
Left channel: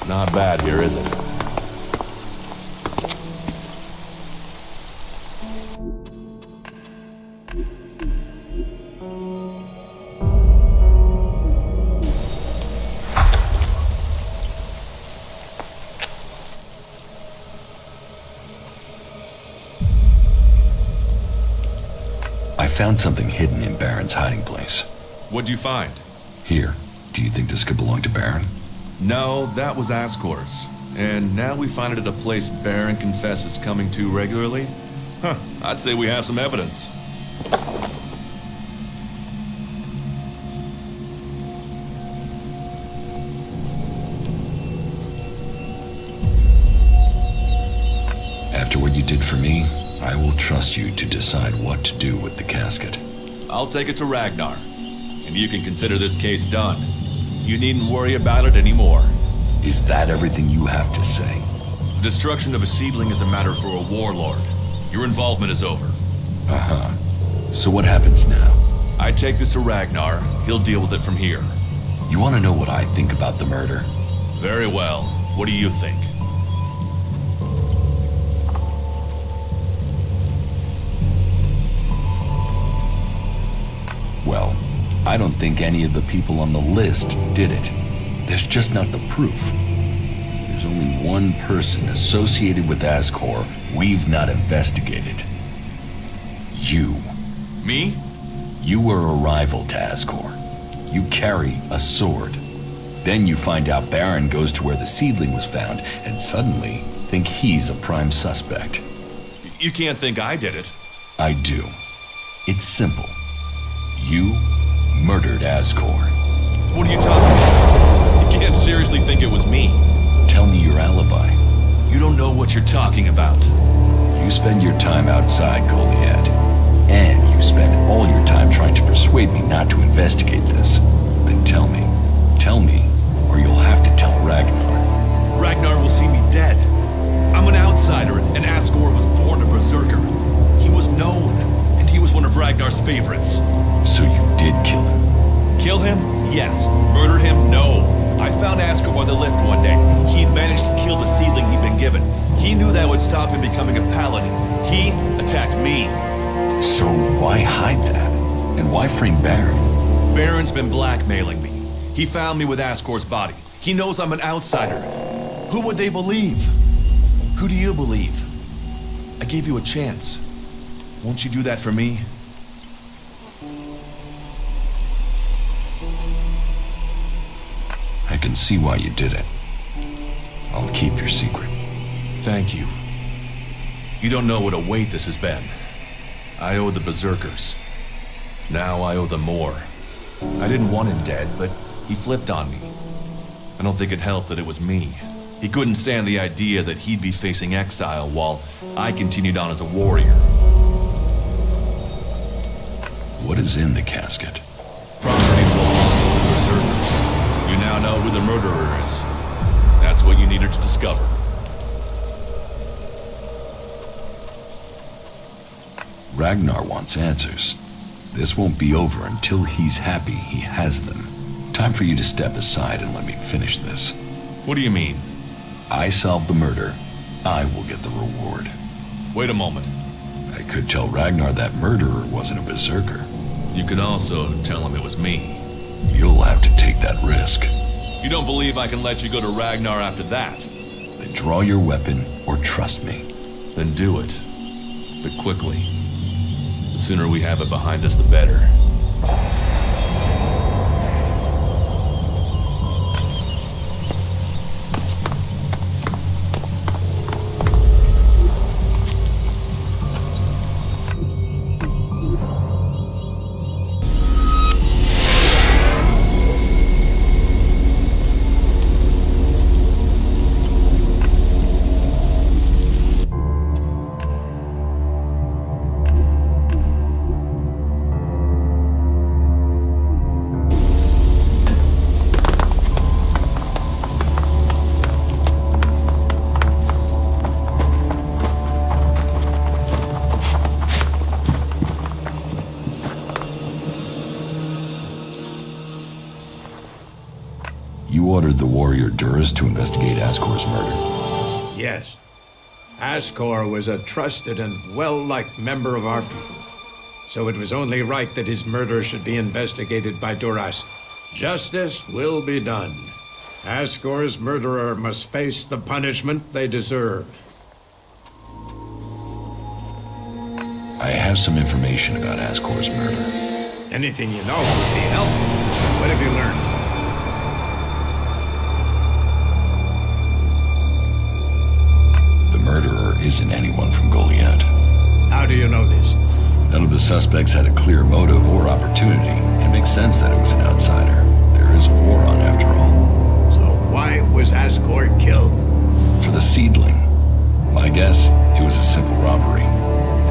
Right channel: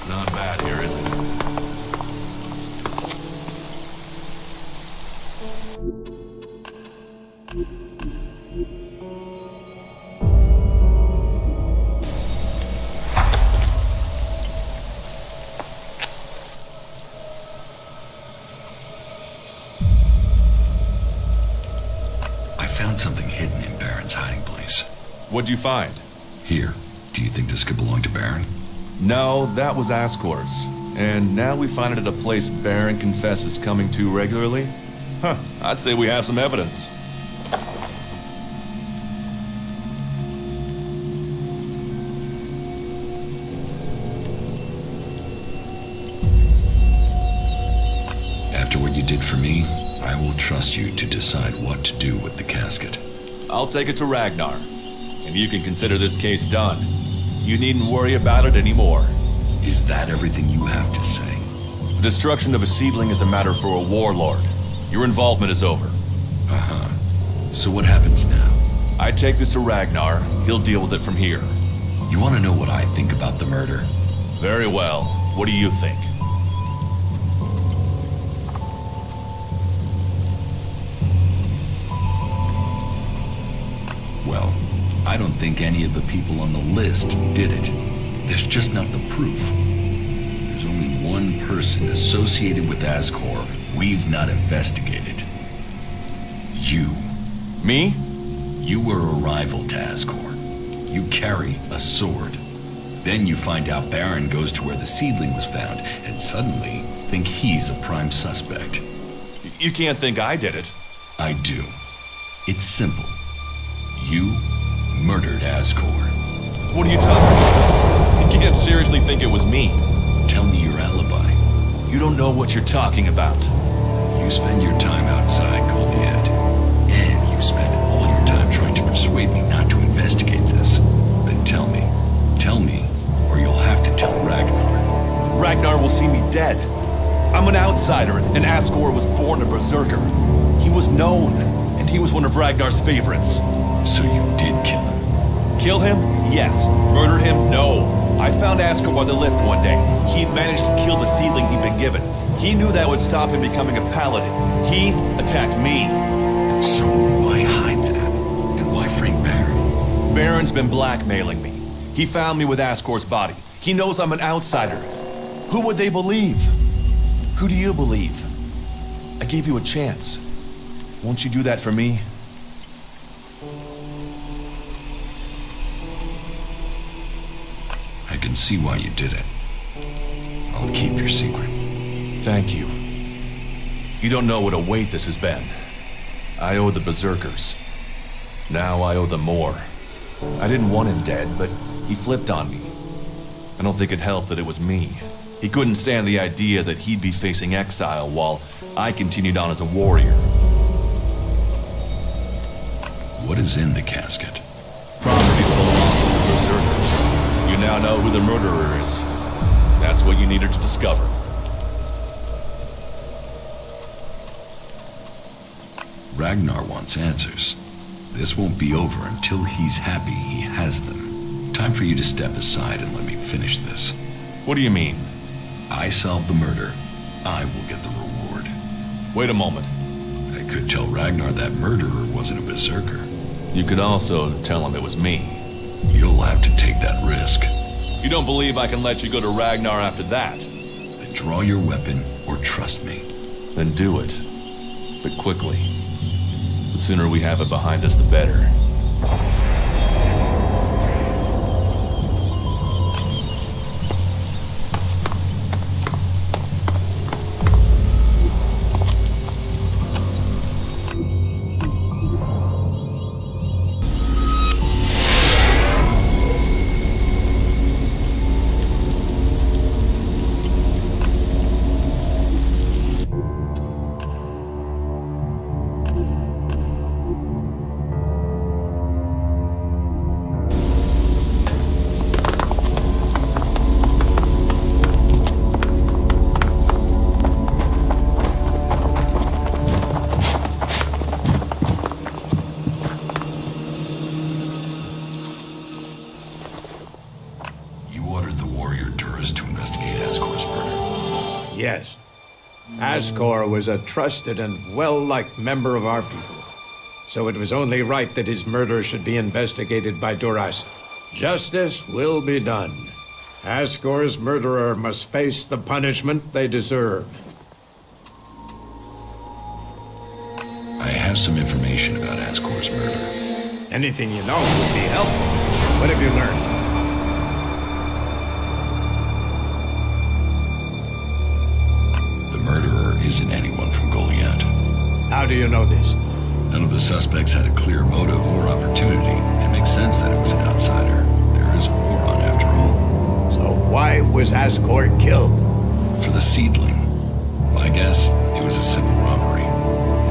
Not bad here, is it? I found something hidden in Baron's hiding place. What'd you find? Here. Do you think this could belong to Baron? No, that was Ascor's. And now we find it at a place Baron confesses coming to regularly? Huh, I'd say we have some evidence. After what you did for me, I will trust you to decide what to do with the casket. I'll take it to Ragnar, and you can consider this case done. You needn't worry about it anymore. Is that everything you have to say? The destruction of a seedling is a matter for a warlord. Your involvement is over. Uh-huh. So what happens now? I take this to Ragnar. He'll deal with it from here. You want to know what I think about the murder? Very well. What do you think? Well, I don't think any of the people on the list did it. There's just not the proof. There's only one person associated with Ascor we've not investigated. You. Me? You were a rival to Ascor. You carry a sword. Then you find out Baron goes to where the seedling was found and suddenly think he's a prime suspect. You can't think I did it. I do. It's simple. You murdered Ascor. What are you talking about? can't seriously think it was me. Tell me your alibi. You don't know what you're talking about. You spend your time outside, Goliath. And you spend all your time trying to persuade me not to investigate this. Then tell me. Tell me, or you'll have to tell Ragnar. Ragnar will see me dead. I'm an outsider, and Asgore was born a berserker. He was known, and he was one of Ragnar's favorites. So you did kill him? Kill him? Yes. Murder him? No. I found Asgore by the lift one day. He'd managed to kill the seedling he'd been given. He knew that would stop him becoming a paladin. He attacked me. So why hide that? And why frame Baron? Baron's been blackmailing me. He found me with Asgore's body. He knows I'm an outsider. Who would they believe? Who do you believe? I gave you a chance. Won't you do that for me? I can see why you did it. I'll keep your secret. Thank you. You don't know what a weight this has been. I owe the berserkers. Now I owe them more. I didn't want him dead, but he flipped on me. I don't think it helped that it was me. He couldn't stand the idea that he'd be facing exile while I continued on as a warrior. What is in the casket? Property that belongs to the berserkers. You now know who the murderer is. That's what you needed to discover. Ragnar wants answers. This won't be over until he's happy he has them. Time for you to step aside and let me finish this. What do you mean? I solved the murder. I will get the reward. Wait a moment. I could tell Ragnar that murderer wasn't a berserker. You could also tell him it was me. You'll have to take that risk. You don't believe I can let you go to Ragnar after that? Then draw your weapon or trust me. Then do it. But quickly. The sooner we have it behind us, the better. You ordered the warrior Duras to investigate Asgore's murder. Yes. Asgore was a trusted and well-liked member of our people. So it was only right that his murder should be investigated by Duras. Justice will be done. Asgore's murderer must face the punishment they deserve. I have some information about Asgore's murder. Anything you know would be helpful. What have you learned? The murderer isn't anyone from Goliath. How do you know this? None of the suspects had a clear motive or opportunity. It makes sense that it was an outsider. There is a war on, after all. So why was Asgore killed? For the seedling. My guess, it was a simple robbery.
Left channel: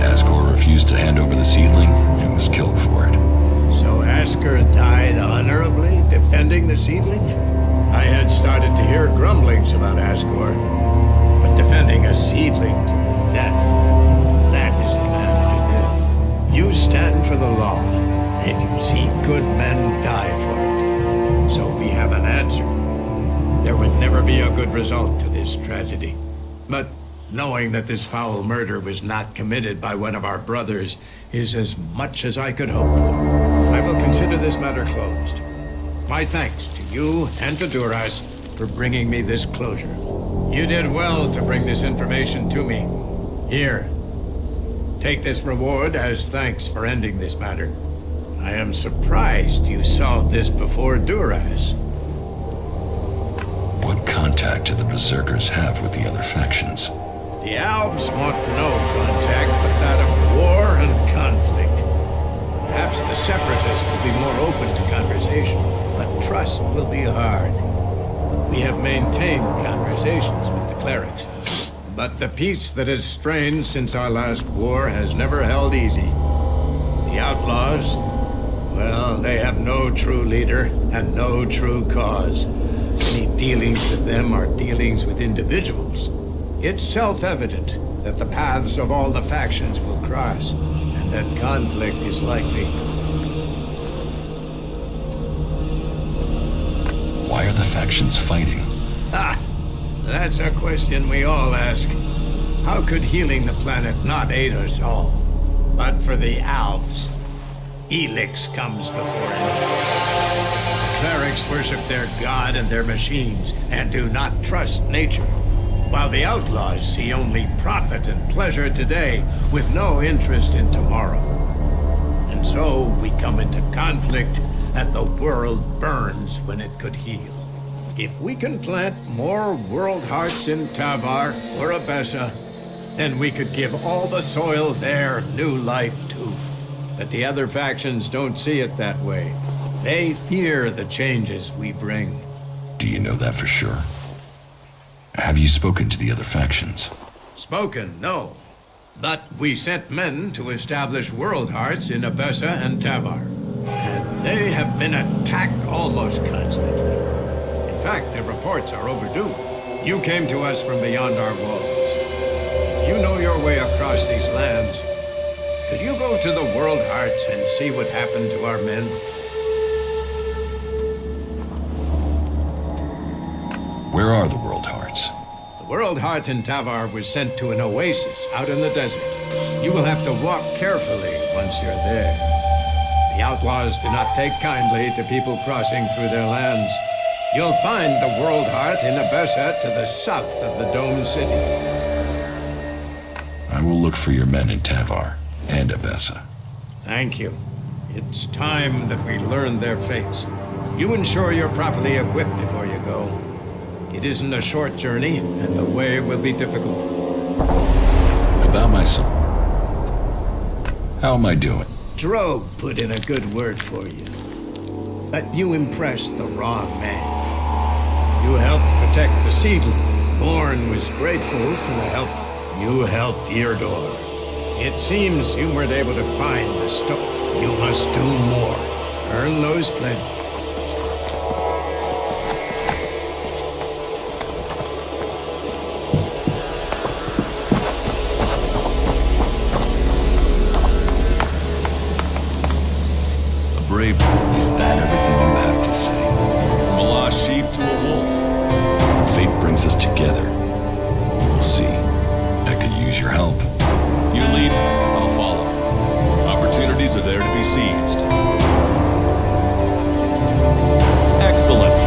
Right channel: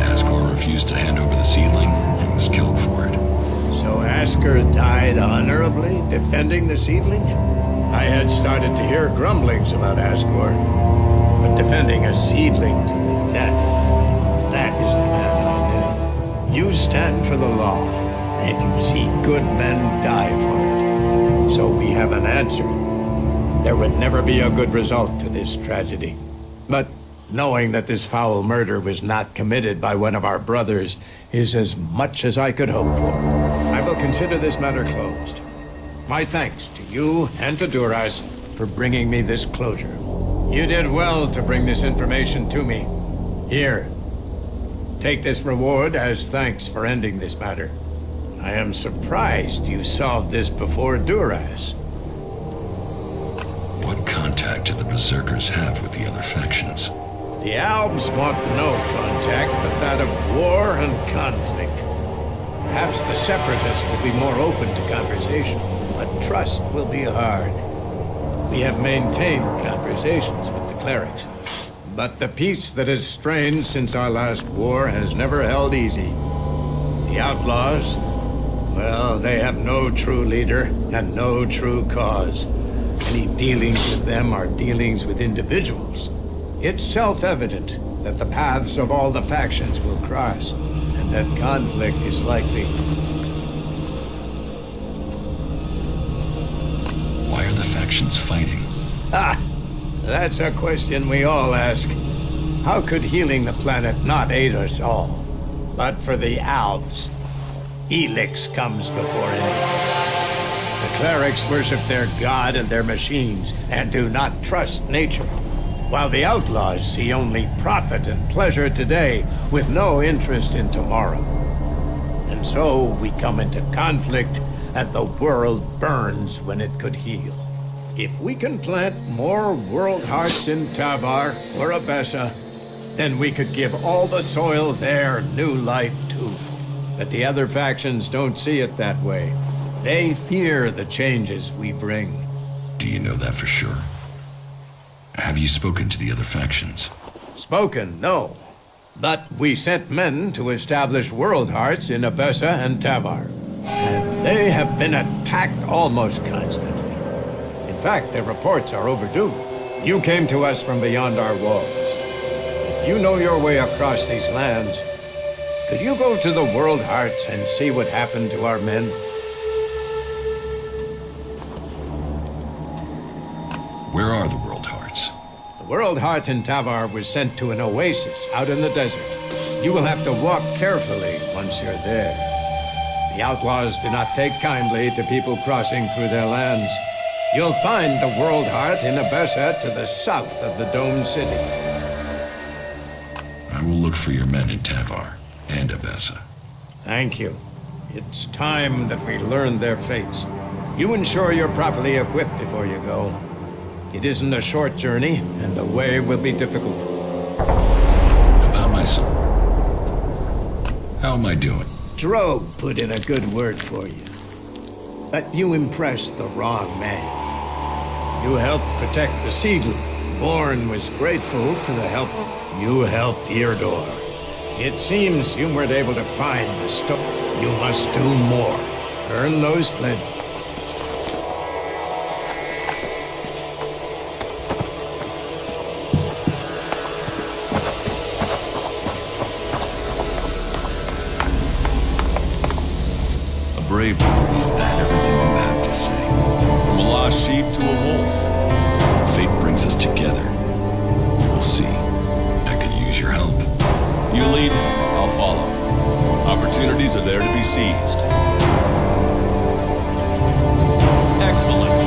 Asgore refused to hand over the seedling and was killed for it. So Asgore died honorably, defending the seedling? I had started to hear grumblings about Asgore, but defending a seedling to the death, that is the man I knew. You stand for the law, and you see good men die for it. So we have an answer. There would never be a good result to this tragedy. But knowing that this foul murder was not committed by one of our brothers is as much as I could hope for. I will consider this matter closed. My thanks to you and to Duras for bringing me this closure. You did well to bring this information to me. Here, take this reward as thanks for ending this matter. I am surprised you solved this before Duras. What contact do the Berserkers have with the other factions? The Albs want no contact but that of war and conflict. Perhaps the Separatists will be more open to conversation, but trust will be hard. We have maintained conversations with the clerics. But the peace that has strained since our last war has never held easy. The outlaws, well, they have no true leader and no true cause. Any dealings with them are dealings with individuals. It's self-evident that the paths of all the factions will cross, and that conflict is likely. Why are the factions fighting? That's a question we all ask. How could healing the planet not aid us all? But for the Alps, Elex comes before anything. The clerics worship their god and their machines, and do not trust nature. While the outlaws see only profit and pleasure today, with no interest in tomorrow. And so we come into conflict, and the world burns when it could heal. If we can plant more world hearts in Tavar or Abessa, then we could give all the soil there new life too. But the other factions don't see it that way. They fear the changes we bring. Do you know that for sure? Have you spoken to the other factions? Spoken, no. But we sent men to establish world hearts in Abessa and Tavar. And they have been attacked almost constantly. In fact, their reports are overdue. You came to us from beyond our walls. If you know your way across these lands, could you go to the World Hearts and see what happened to our men? Where are the World Hearts? The World Heart in Tavar was sent to an oasis out in the desert. You will have to walk carefully once you're there. The outlaws do not take kindly to people crossing through their lands. You'll find the World Heart in Abessa to the south of the domed city. I will look for your men in Tavar and Abessa. Thank you. It's time that we learn their fates. You ensure you're properly equipped before you go. It isn't a short journey, and the way will be difficult. About myself. How am I doing? Drogue put in a good word for you. But you impressed the wrong man. You helped protect the seedling. Born was grateful for the help you helped Eardor. It seems you weren't able to find the stone. You must do more. Earn those pledges. Brave. Is that everything you have to say? From a lost sheep to a wolf. When fate brings us together, you will see. I could use your help. You lead, I'll follow. Opportunities are there to be seized. Excellent.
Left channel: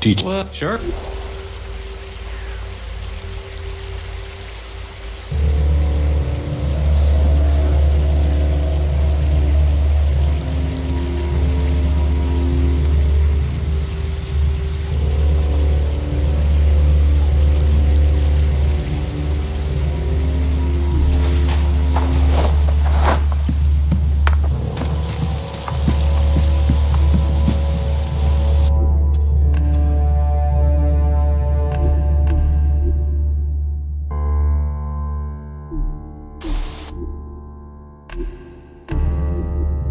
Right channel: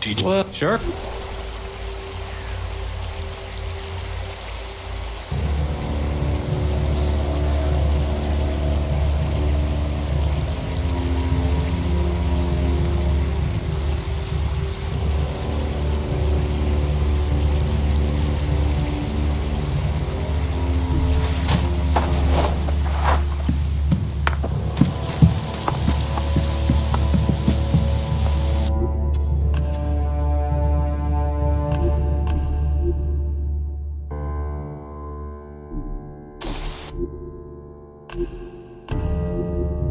teach. Well, sure.